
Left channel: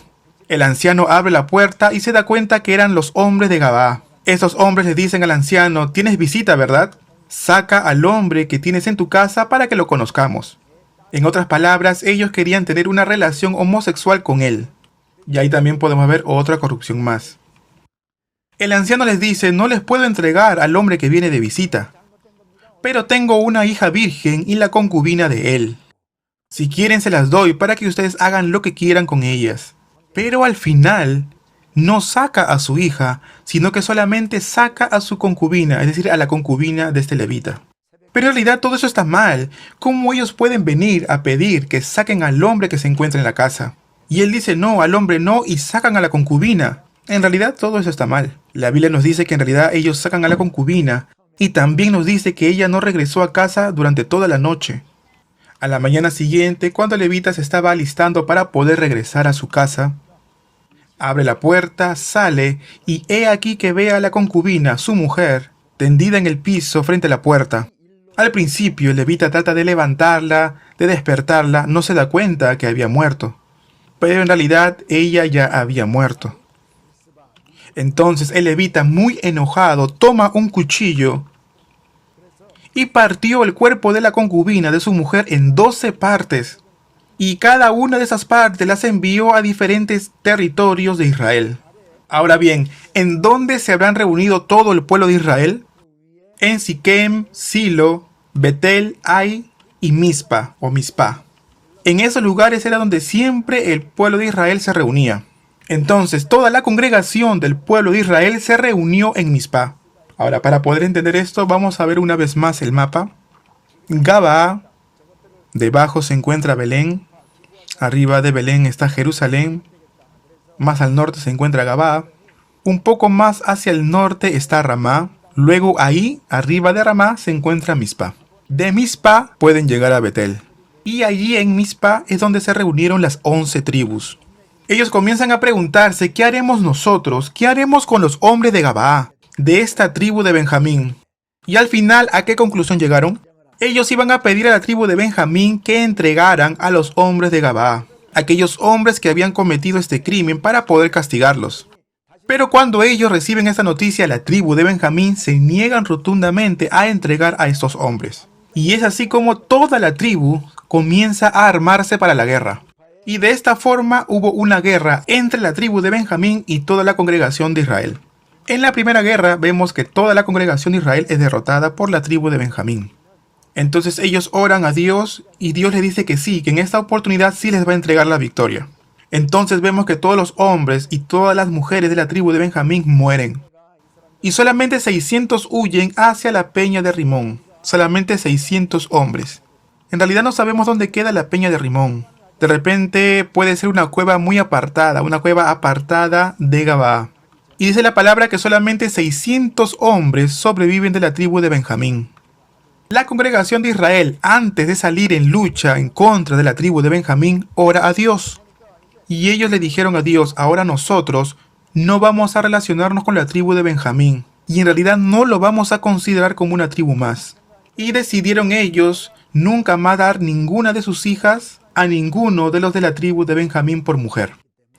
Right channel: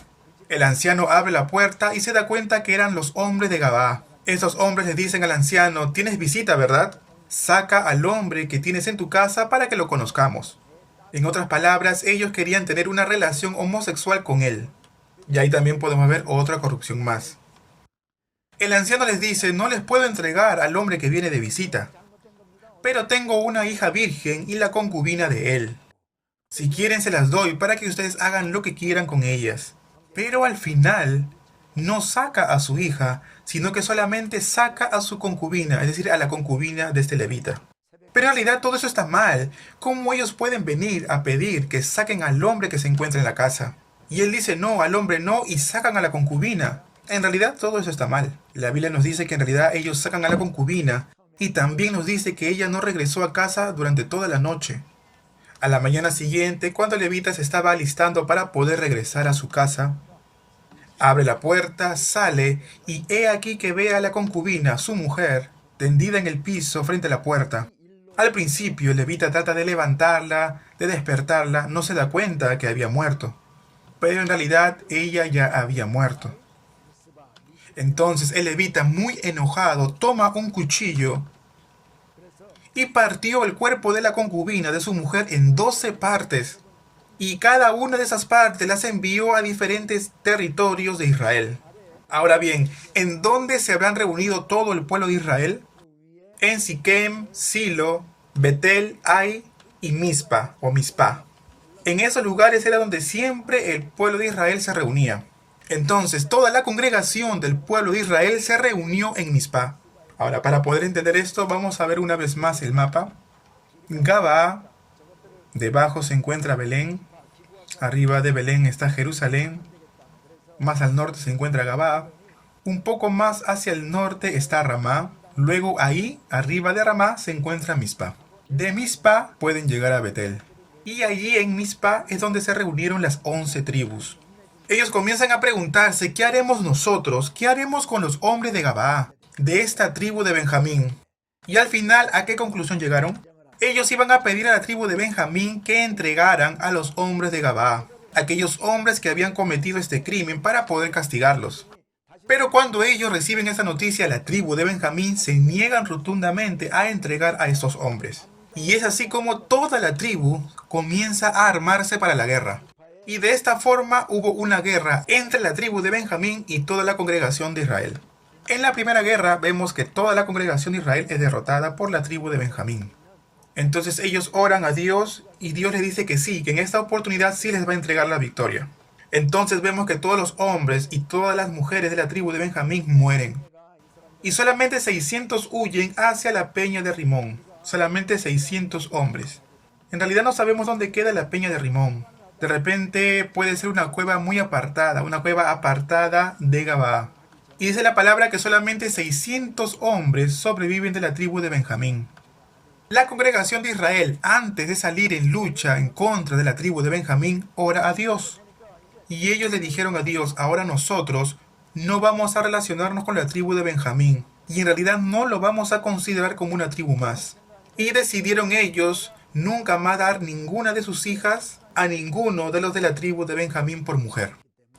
El anciano abre la puerta y se da cuenta que eran los hombres de Gabaa. Esos hombres le dicen al anciano, tienes visita, ¿verdad? Saca al hombre que tienes en tu casa para que lo conozcamos. En otras palabras, ellos querían tener una relación homosexual con él. Y ahí también podemos ver otra corrupción más. El anciano les dice, no les puedo entregar al hombre que viene de visita, pero tengo una hija virgen y la concubina de él. Si quieren se las doy para que ustedes hagan lo que quieran con ellas. Pero al final no saca a su hija, sino que solamente saca a su concubina, es decir, a la concubina de este levita. Pero en realidad todo eso está mal. ¿Cómo ellos pueden venir a pedir que saquen al hombre que se encuentra en la casa? Y él dice no, al hombre no, y sacan a la concubina. En realidad todo eso está mal. La Biblia nos dice que en realidad ellos sacan a la concubina, y también nos dice que ella no regresó a casa durante toda la noche. A la mañana siguiente, cuando el levita se estaba alistando para poder regresar a su casa, abre la puerta, sale, y he aquí que ve a la concubina, su mujer, tendida en el piso frente a la puerta. Al principio el levita trata de levantarla, de despertarla, no se da cuenta que había muerto. Pero en realidad ella ya había muerto. Entonces el levita, muy enojado, toma un cuchillo y partió el cuerpo de la concubina de su mujer en 12 partes. Y cada una de esas partes las envió a diferentes territorios de Israel. Ahora bien, ¿en dónde se habrán reunido todo el pueblo de Israel? En Siquem, Silo, Betel, Ai y Mizpa o Mizpah. En esos lugares era donde siempre el pueblo de Israel se reunía. Entonces toda la congregación del pueblo de Israel se reunió en Mizpah. Ahora, para poder entender esto, vamos a ver una vez más el mapa. Gabaa, debajo se encuentra Belén, Arriba de Belén está Jerusalén. Más al norte se encuentra Gabaa. Un poco más hacia el norte está Ramá. Luego ahí, arriba de Ramá, se encuentra Mizpa. De Mizpa pueden llegar a Betel. Y allí en Mizpa es donde se reunieron las 11 tribus. Ellos comienzan a preguntarse, ¿qué haremos nosotros? ¿Qué haremos con los hombres de Gabaa, de esta tribu de Benjamín? Y al final, ¿a qué conclusión llegaron? Ellos iban a pedir a la tribu de Benjamín que entregaran a los hombres de Gabaa, aquellos hombres que habían cometido este crimen, para poder castigarlos. Pero cuando ellos reciben esta noticia, la tribu de Benjamín se niegan rotundamente a entregar a estos hombres. Y es así como toda la tribu comienza a armarse para la guerra. Y de esta forma hubo una guerra entre la tribu de Benjamín y toda la congregación de Israel. En la primera guerra vemos que toda la congregación de Israel es derrotada por la tribu de Benjamín. Entonces ellos oran a Dios y Dios les dice que sí, que en esta oportunidad sí les va a entregar la victoria. Entonces vemos que todos los hombres y todas las mujeres de la tribu de Benjamín mueren. Y solamente 600 huyen hacia la peña de Rimón. Solamente 600 hombres. En realidad no sabemos dónde queda la peña de Rimón. De repente puede ser una cueva muy apartada, una cueva apartada de Gabaa. Y dice la palabra que solamente 600 hombres sobreviven de la tribu de Benjamín. La congregación de Israel, antes de salir en lucha en contra de la tribu de Benjamín, ora a Dios. Y ellos le dijeron a Dios, ahora nosotros no vamos a relacionarnos con la tribu de Benjamín. Y en realidad no lo vamos a considerar como una tribu más. Y decidieron ellos nunca más dar ninguna de sus hijas a ninguno de los de la tribu de Benjamín por mujer.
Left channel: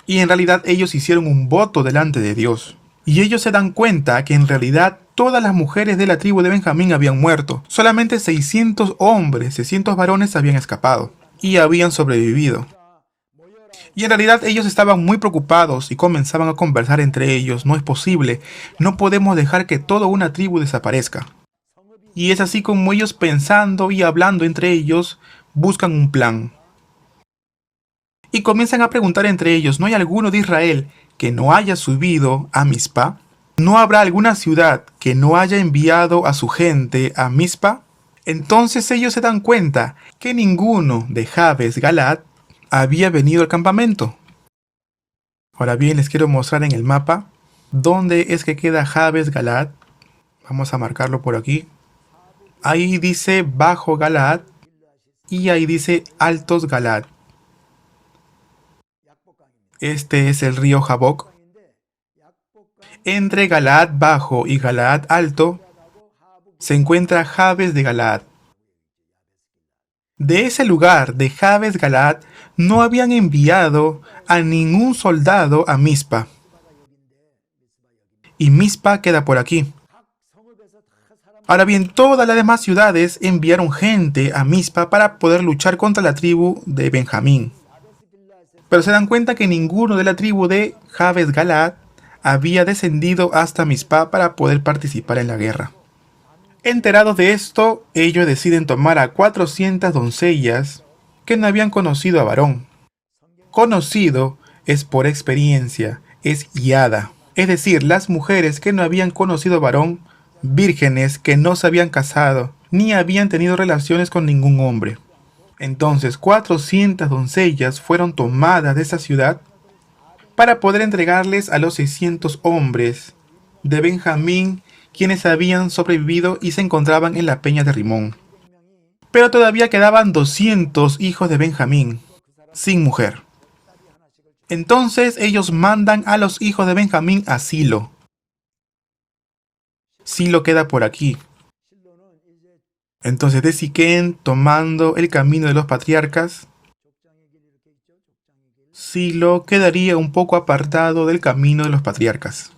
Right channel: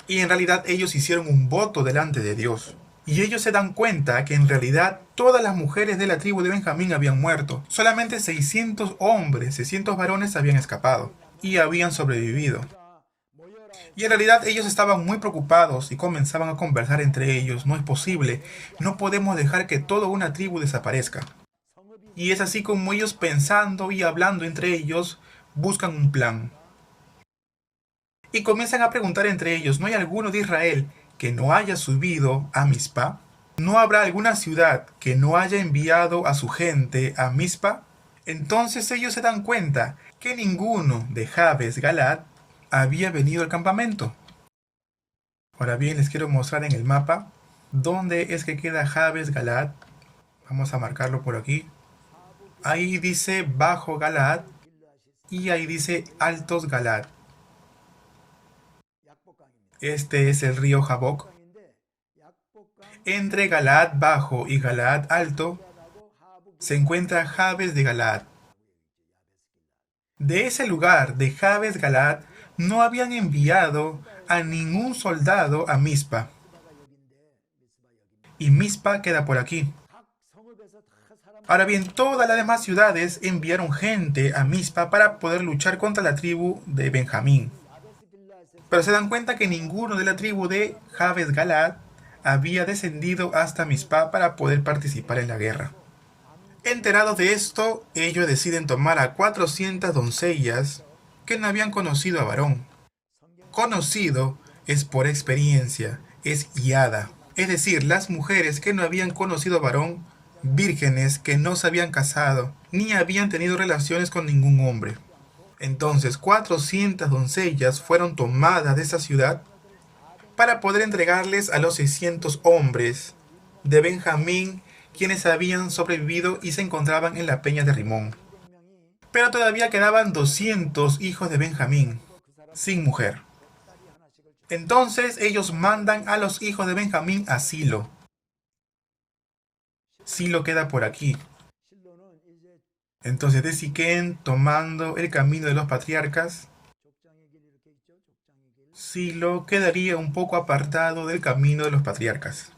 Y en realidad ellos hicieron un voto delante de Dios. Y ellos se dan cuenta que en realidad todas las mujeres de la tribu de Benjamín habían muerto. Solamente 600 hombres, 600 varones habían escapado y habían sobrevivido. Y en realidad ellos estaban muy preocupados y comenzaban a conversar entre ellos. No es posible, no podemos dejar que toda una tribu desaparezca. Y es así como ellos, pensando y hablando entre ellos, buscan un plan. Y comienzan a preguntar entre ellos, ¿no hay alguno de Israel que no haya subido a Mizpa? ¿No habrá alguna ciudad que no haya enviado a su gente a Mizpa? Entonces ellos se dan cuenta que ninguno de Jabes Galaad había venido al campamento. Ahora bien, les quiero mostrar en el mapa dónde es que queda Jabes Galaad. Vamos a marcarlo por aquí. Ahí dice Bajo Galaad y ahí dice Altos Galaad. Este es el río Jaboc. Entre Galaad Bajo y Galaad Alto se encuentra Jabes de Galaad. De ese lugar de Jabes Galaad no habían enviado a ningún soldado a Mizpa. Y Mizpa queda por aquí. Ahora bien, todas las demás ciudades enviaron gente a Mizpa para poder luchar contra la tribu de Benjamín. Pero se dan cuenta que ninguno de la tribu de Jabes Galaad había descendido hasta Mizpa para poder participar en la guerra. Enterados de esto, ellos deciden tomar a 400 doncellas que no habían conocido a varón. Conocido es por experiencia, es guiada. Es decir, las mujeres que no habían conocido varón, vírgenes que no se habían casado, ni habían tenido relaciones con ningún hombre. Entonces 400 doncellas fueron tomadas de esa ciudad para poder entregarles a los 600 hombres de Benjamín, quienes habían sobrevivido y se encontraban en la peña de Rimón. Pero todavía quedaban 200 hijos de Benjamín, sin mujer. Entonces ellos mandan a los hijos de Benjamín a Silo. Silo queda por aquí. Entonces de Siquén, tomando el camino de los patriarcas, Silo quedaría un poco apartado del camino de los patriarcas.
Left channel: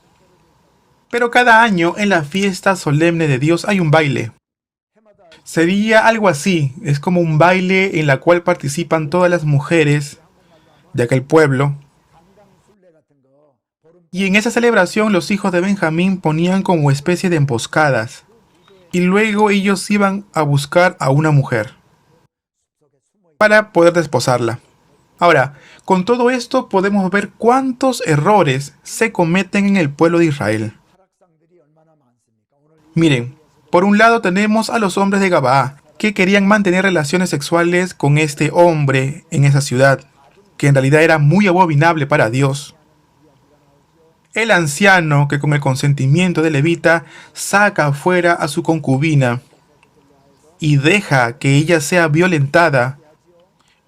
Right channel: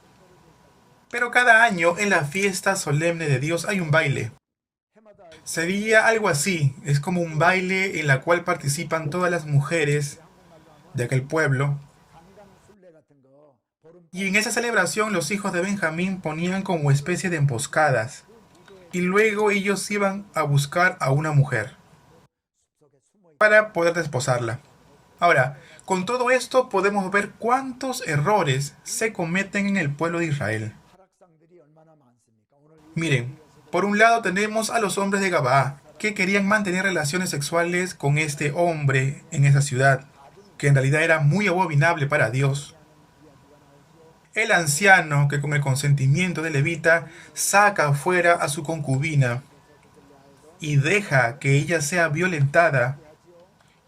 Pero cada año en la fiesta solemne de Dios hay un baile. Sería algo así, es como un baile en la cual participan todas las mujeres de aquel pueblo. Y en esa celebración los hijos de Benjamín ponían como especie de emboscadas. Y luego ellos iban a buscar a una mujer para poder desposarla. Ahora, con todo esto podemos ver cuántos errores se cometen en el pueblo de Israel. Miren, por un lado tenemos a los hombres de Gabaa, que querían mantener relaciones sexuales con este hombre en esa ciudad. que en realidad era muy abominable para Dios. El anciano que con el consentimiento de Levita saca afuera a su concubina y deja que ella sea violentada,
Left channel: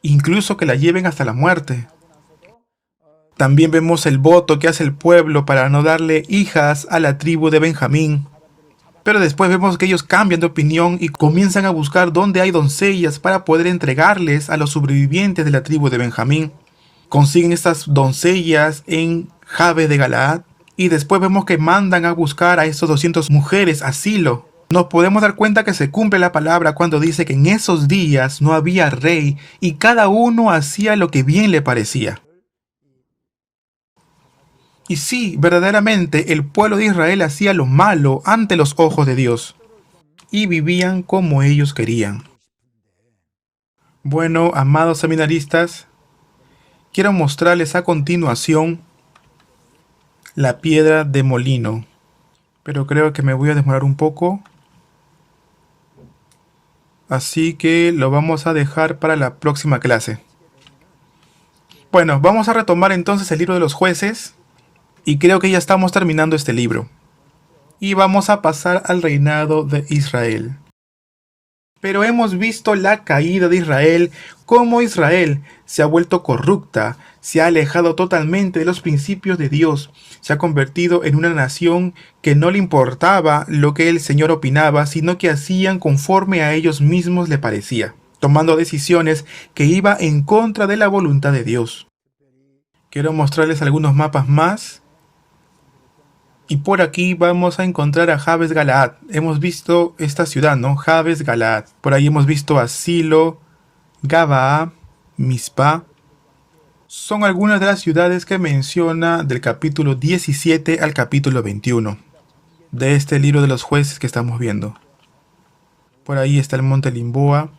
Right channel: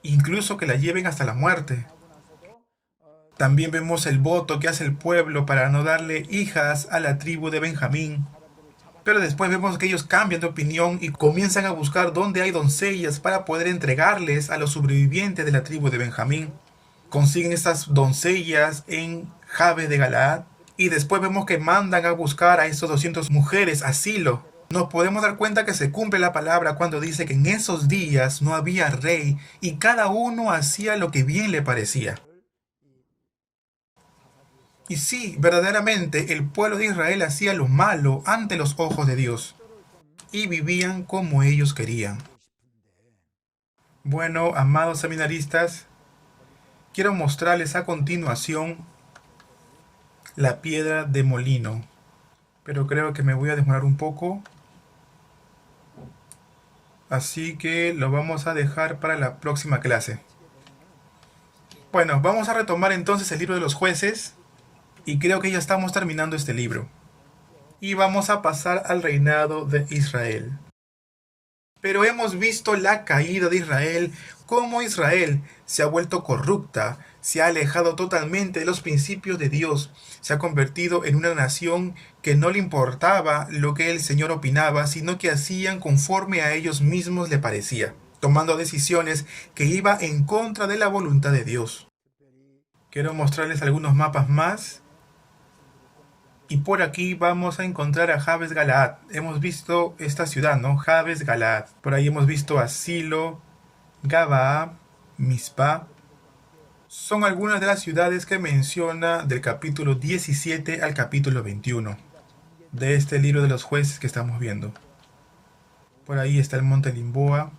incluso que la lleven hasta la muerte. También vemos el voto que hace el pueblo para no darle hijas a la tribu de Benjamín. Pero después vemos que ellos cambian de opinión y comienzan a buscar dónde hay doncellas para poder entregarles a los sobrevivientes de la tribu de Benjamín. Consiguen estas doncellas en Jabes de Galaad y después vemos que mandan a buscar a estos 200 mujeres asilo. Nos podemos dar cuenta que se cumple la palabra cuando dice que en esos días no había rey y cada uno hacía lo que bien le parecía. Y sí, verdaderamente el pueblo de Israel hacía lo malo ante los ojos de Dios y vivían como ellos querían. Bueno, amados seminaristas, quiero mostrarles a continuación la piedra de molino, pero creo que me voy a demorar un poco, así que lo vamos a dejar para la próxima clase. Bueno, vamos a retomar entonces el libro de los jueces y creo que ya estamos terminando este libro. Y vamos a pasar al reinado de Israel. Pero hemos visto la caída de Israel, cómo Israel se ha vuelto corrupta, se ha alejado totalmente de los principios de Dios, se ha convertido en una nación que no le importaba lo que el Señor opinaba, sino que hacían conforme a ellos mismos le parecía, tomando decisiones que iban en contra de la voluntad de Dios. Quiero mostrarles algunos mapas más. Y por aquí vamos a encontrar a Jabes Galaad. Hemos visto esta ciudad, ¿no? Jabes Galaad. Por ahí hemos visto a Silo, Gabaa, Mizpah. Son algunas de las ciudades que menciona del capítulo 17 al capítulo 21 de este libro de los jueces que estamos viendo. Por ahí está el monte Limboa.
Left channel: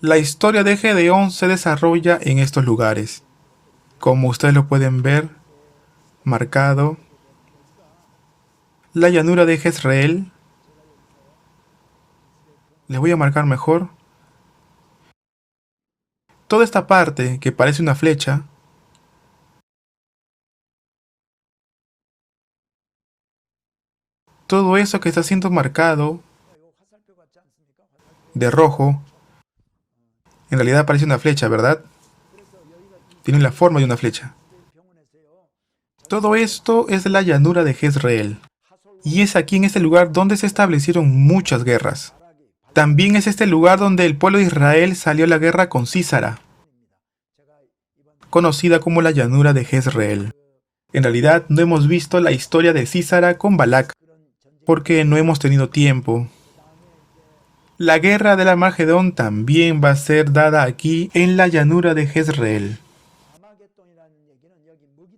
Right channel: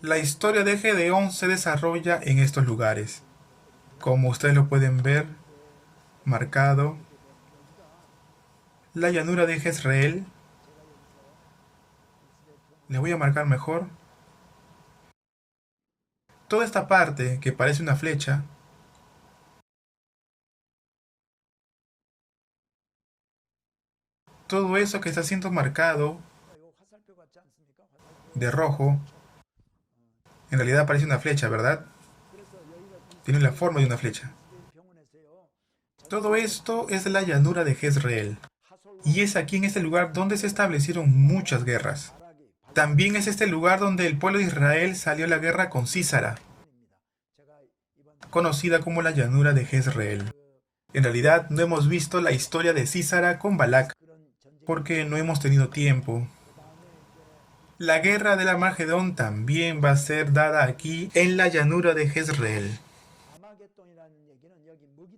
La historia de Gedeón se desarrolla en estos lugares. Como ustedes lo pueden ver, marcado. La llanura de Jezreel. Les voy a marcar mejor. Toda esta parte que parece una flecha, todo eso que está siendo marcado de rojo, en realidad parece una flecha, ¿verdad? Tiene la forma de una flecha. Todo esto es la llanura de Jezreel. Y es aquí en este lugar donde se establecieron muchas guerras. También es este lugar donde el pueblo de Israel salió a la guerra con Sísara, conocida como la llanura de Jezreel. En realidad no hemos visto la historia de Sísara con Balac, porque no hemos tenido tiempo. La guerra del Armagedón también va a ser dada aquí en la llanura de Jezreel.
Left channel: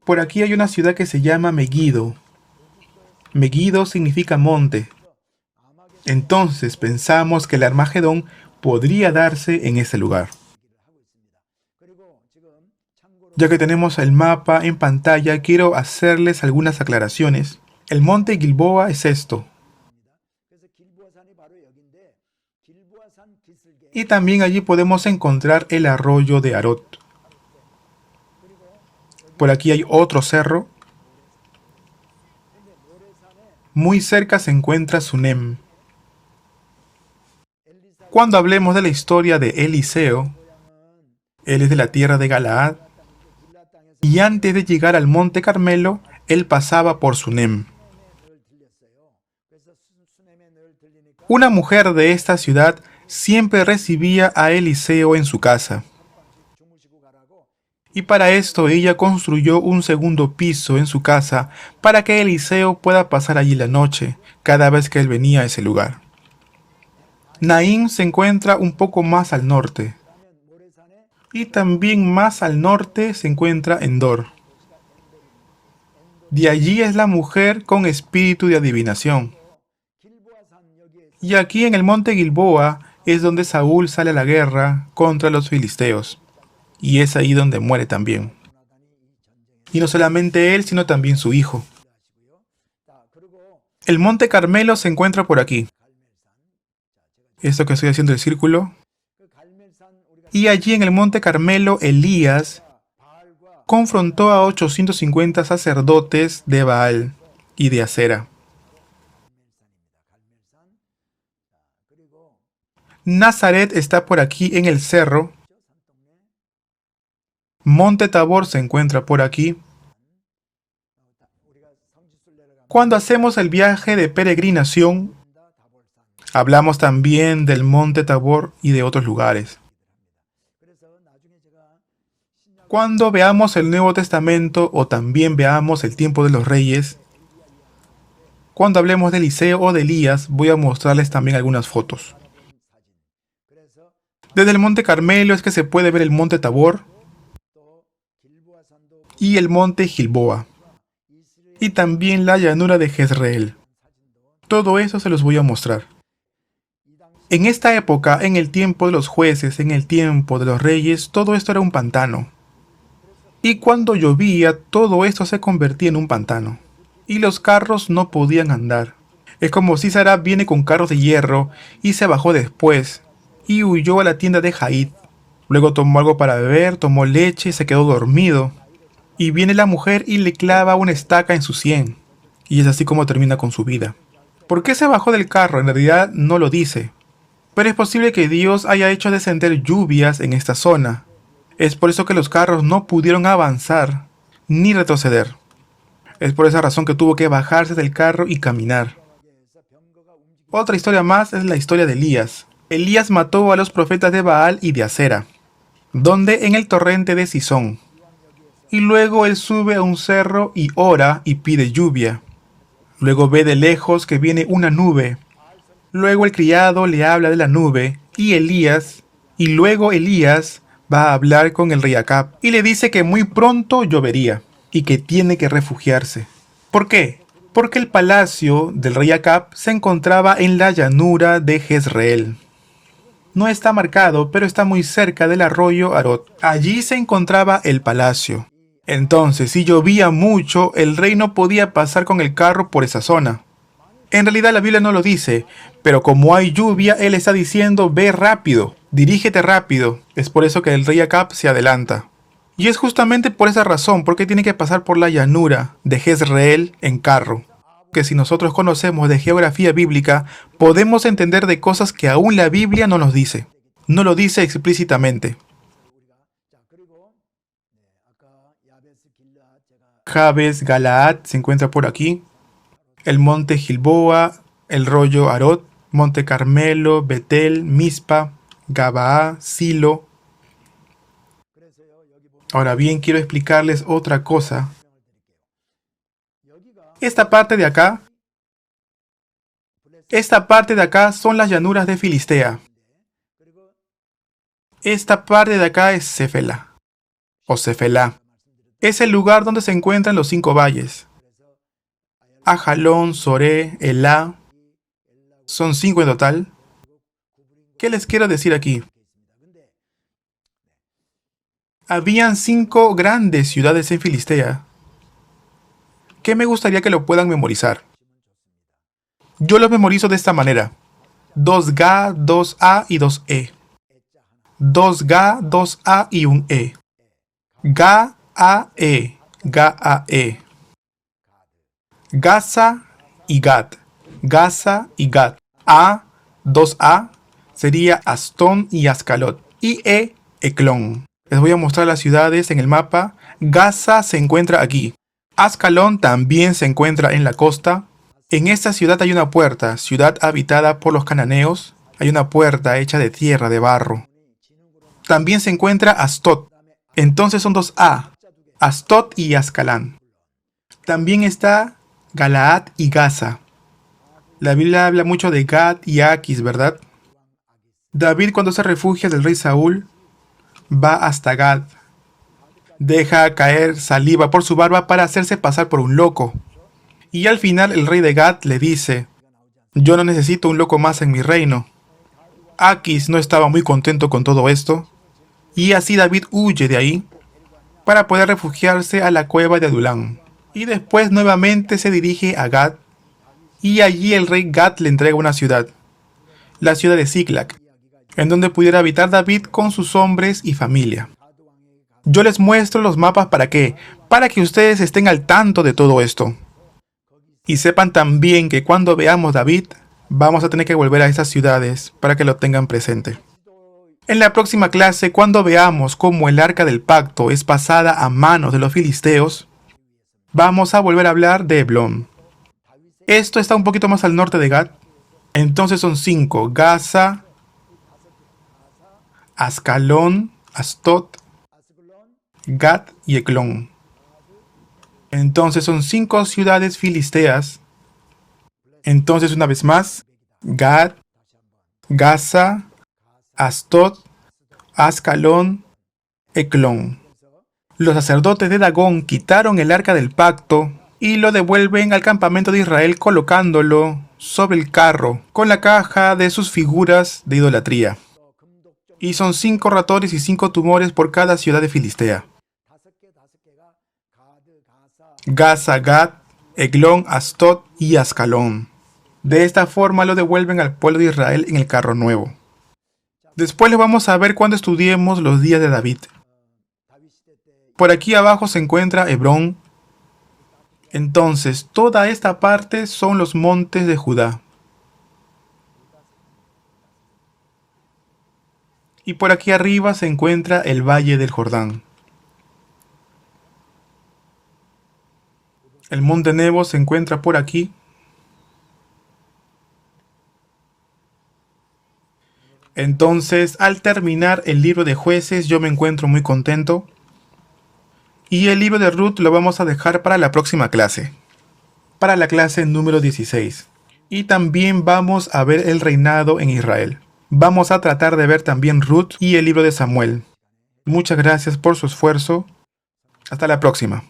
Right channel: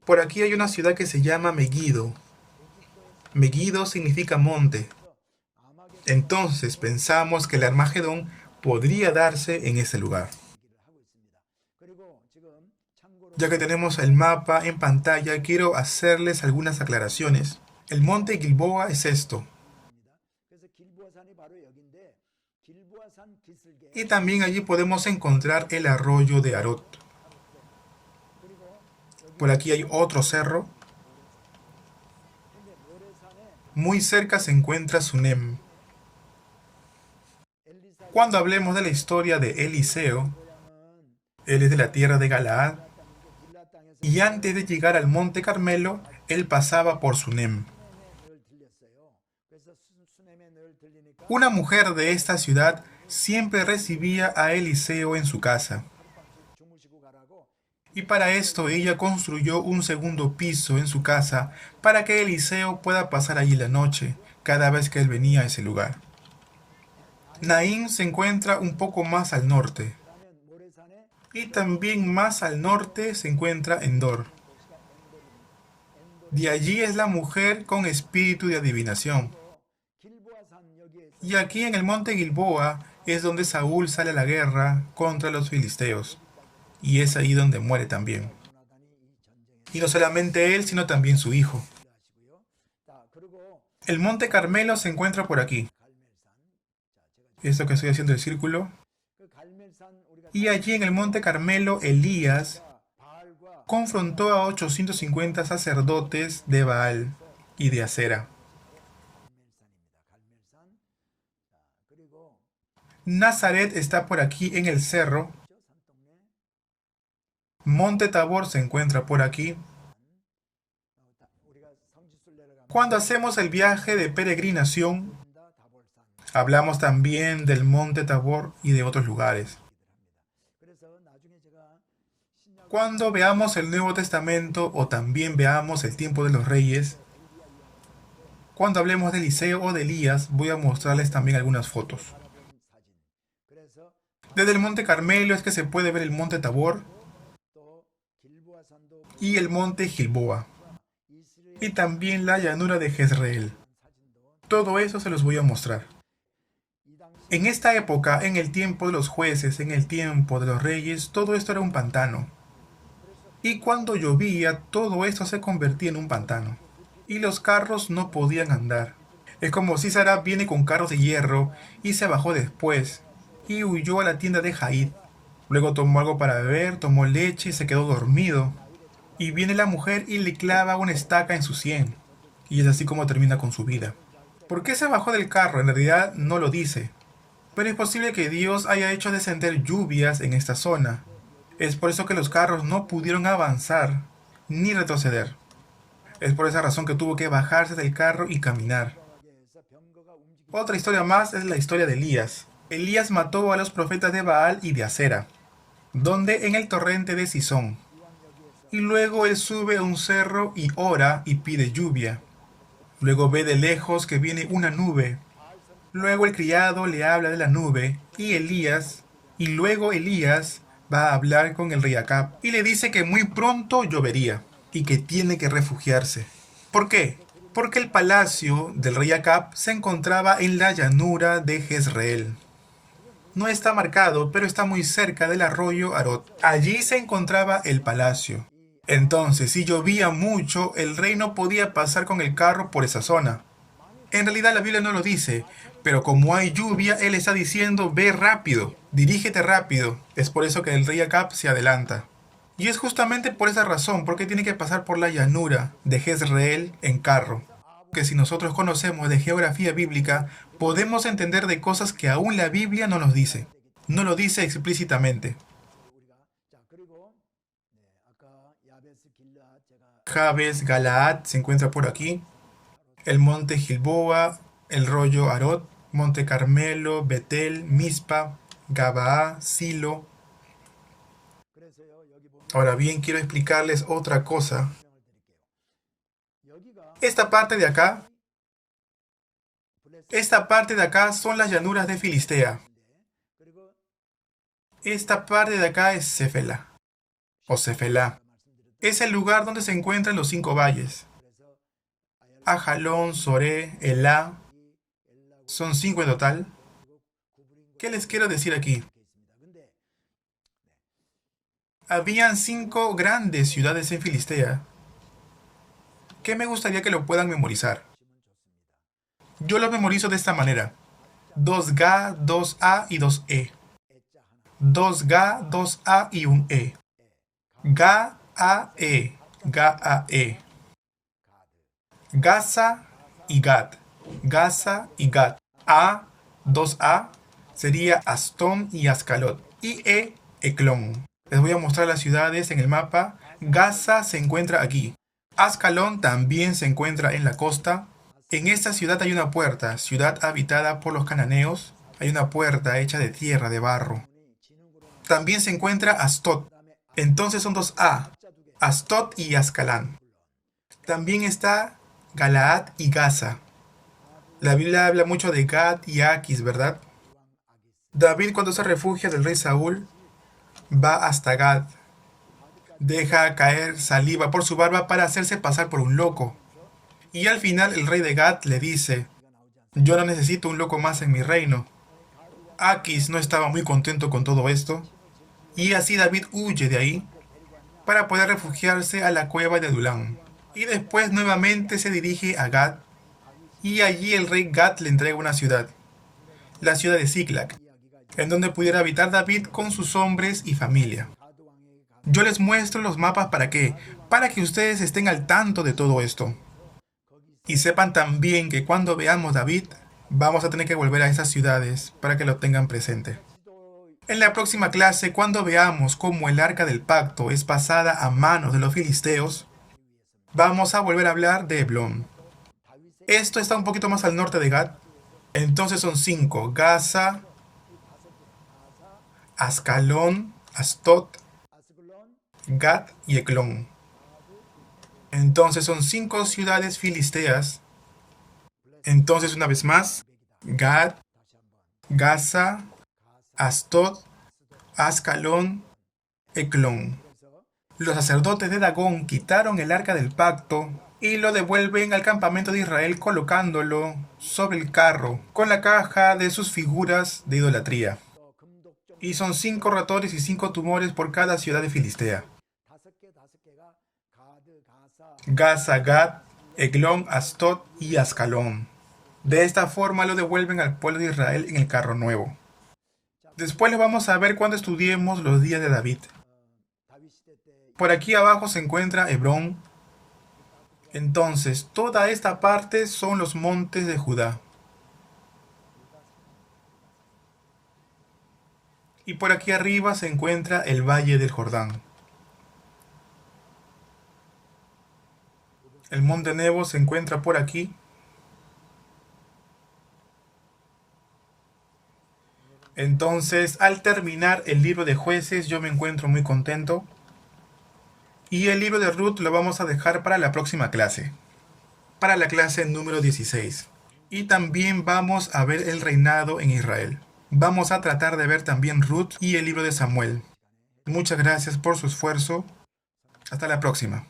Por aquí hay una ciudad que se llama Megiddo. Megiddo significa monte. Entonces pensamos que el Armagedón podría darse en ese lugar. Ya que tenemos el mapa en pantalla, quiero hacerles algunas aclaraciones. El monte Gilboa es esto. Y también allí podemos encontrar el arroyo de Arot. Por aquí hay otro cerro. Muy cerca se encuentra Sunem. Cuando hablemos de la historia de Eliseo, él es de la tierra de Galaad, y antes de llegar al monte Carmelo, él pasaba por Sunem. Una mujer de esta ciudad siempre recibía a Eliseo en su casa. Y para esto ella construyó un segundo piso en su casa para que Eliseo pueda pasar allí la noche cada vez que él venía a ese lugar. Naín se encuentra un poco más al norte. Y también más al norte se encuentra Endor. De allí es la mujer con espíritu de adivinación. Y aquí en el monte Gilboa es donde Saúl sale a la guerra contra los filisteos. Y es ahí donde muere también. Y no solamente él, sino también su hijo. El monte Carmelo se encuentra por aquí. Esto que estoy haciendo el círculo. Y allí en el monte Carmelo, Elías confrontó a 850 sacerdotes de Baal y de Acera. Nazaret está por aquí en el cerro. Monte Tabor se encuentra por aquí. Cuando hacemos el viaje de peregrinación, hablamos también del Monte Tabor y de otros lugares. Cuando veamos el Nuevo Testamento o también veamos el tiempo de los reyes, cuando hablemos de Eliseo o de Elías, voy a mostrarles también algunas fotos. Desde el Monte Carmelo es que se puede ver el Monte Tabor y el Monte Gilboa, y también la llanura de Jezreel. Todo eso se los voy a mostrar. En esta época, en el tiempo de los jueces, en el tiempo de los reyes, todo esto era un pantano. Y cuando llovía, todo esto se convertía en un pantano. Y los carros no podían andar. Es como si Sara viene con carros de hierro y se bajó después y huyó a la tienda de Jaid. Luego tomó algo para beber, tomó leche y se quedó dormido. Y viene la mujer y le clava una estaca en su sien. Y es así como termina con su vida. ¿Por qué se bajó del carro? En realidad no lo dice. Pero es posible que Dios haya hecho descender lluvias en esta zona. Es por eso que los carros no pudieron avanzar ni retroceder. Es por esa razón que tuvo que bajarse del carro y caminar. Otra historia más es la historia de Elías. Elías mató a los profetas de Baal y de Acera, donde en el torrente de Sison. Y luego él sube a un cerro y ora y pide lluvia. Luego ve de lejos que viene una nube. Luego el criado le habla de la nube y luego Elías va a hablar con el rey Acab y le dice que muy pronto llovería y que tiene que refugiarse. ¿Por qué? Porque el palacio del rey Acab se encontraba en la llanura de Jezreel. No está marcado, pero está muy cerca del arroyo Arot. Allí se encontraba el palacio. Entonces, si llovía mucho, el rey no podía pasar con el carro por esa zona. En realidad la Biblia no lo dice, pero como hay lluvia, él está diciendo, ve rápido, dirígete rápido. Es por eso que el rey Acab se adelanta. Y es justamente por esa razón, porque tiene que pasar por la llanura de Jezreel en carro. Que si nosotros conocemos de geografía bíblica, podemos entender de cosas que aún la Biblia no nos dice. No lo dice explícitamente. Jabes Galaad se encuentra por aquí. El monte Gilboa, el rollo Arot, monte Carmelo, Betel, Mispa, Gabaa, Silo. Ahora bien, quiero explicarles otra cosa. Esta parte de acá son las llanuras de Filistea. Esta parte de acá es Cefela, o Cefelá. Es el lugar donde se encuentran los 5 valles. Ajalón, Soré, Elá. Son 5 en total. ¿Qué les quiero decir aquí? Habían 5 grandes ciudades en Filistea que me gustaría que lo puedan memorizar. Yo lo memorizo de esta manera. 2Ga, 2A y 2E. 2Ga, 2A y un E. Ga-A-E. Ga-A-E. Gaza y Gat. Gaza y Gat. A, 2A, sería Astón y Ascalot. Y E, Eclón. Les voy a mostrar las ciudades en el mapa. Gaza se encuentra aquí. Ascalón también se encuentra en la costa. En esta ciudad hay una puerta, ciudad habitada por los cananeos. Hay una puerta hecha de tierra, de barro. También se encuentra Astot. Entonces son 2A. Astot y Ascalán. También está Galaad y Gaza. La Biblia habla mucho de Gad y Aquis, ¿verdad? David, cuando se refugia del rey Saúl, va hasta Gad. Deja caer saliva por su barba para hacerse pasar por un loco. Y al final el rey de Gad le dice, yo no necesito un loco más en mi reino. Aquis no estaba muy contento con todo esto, y así David huye de ahí para poder refugiarse a la cueva de Adulán. Y después nuevamente se dirige a Gad, y allí el rey Gad le entrega una ciudad, la ciudad de Ziklag. en donde pudiera habitar David con sus hombres y familia. Yo les muestro los mapas ¿para qué? Para que ustedes estén al tanto de todo esto. Y sepan también que cuando veamos David, vamos a tener que volver a esas ciudades para que lo tengan presente. En la próxima clase, cuando veamos cómo el arca del pacto es pasada a manos de los filisteos, vamos a volver a hablar de Heblón. Esto está un poquito más al norte de Gad. Entonces son 5: Gaza, Ascalón, Astot, Gad y Eclón. Entonces son 5 ciudades filisteas. Entonces una vez más, Gad, Gaza, Astot, Ascalón, Eclón. Los sacerdotes de Dagón quitaron el arca del pacto y lo devuelven al campamento de Israel colocándolo sobre el carro con la caja de sus figuras de idolatría. Y son 5 ratones y 5 tumores por cada ciudad de Filistea: Gaza, Gad, Eglón, Astot y Ascalón. De esta forma lo devuelven al pueblo de Israel en el carro nuevo. Después lo vamos a ver cuando estudiemos los días de David. Por aquí abajo se encuentra Hebrón. Entonces, toda esta parte son los montes de Judá. Y por aquí arriba se encuentra el valle del Jordán. El monte Nebo se encuentra por aquí. Entonces, al terminar el libro de Jueces, yo me encuentro muy contento. Y el libro de Ruth lo vamos a dejar para la próxima clase. Para la clase número 16. Y también vamos a ver el reinado en Israel. Vamos a tratar de ver también Ruth y el libro de Samuel. Muchas gracias por su esfuerzo. Hasta la próxima.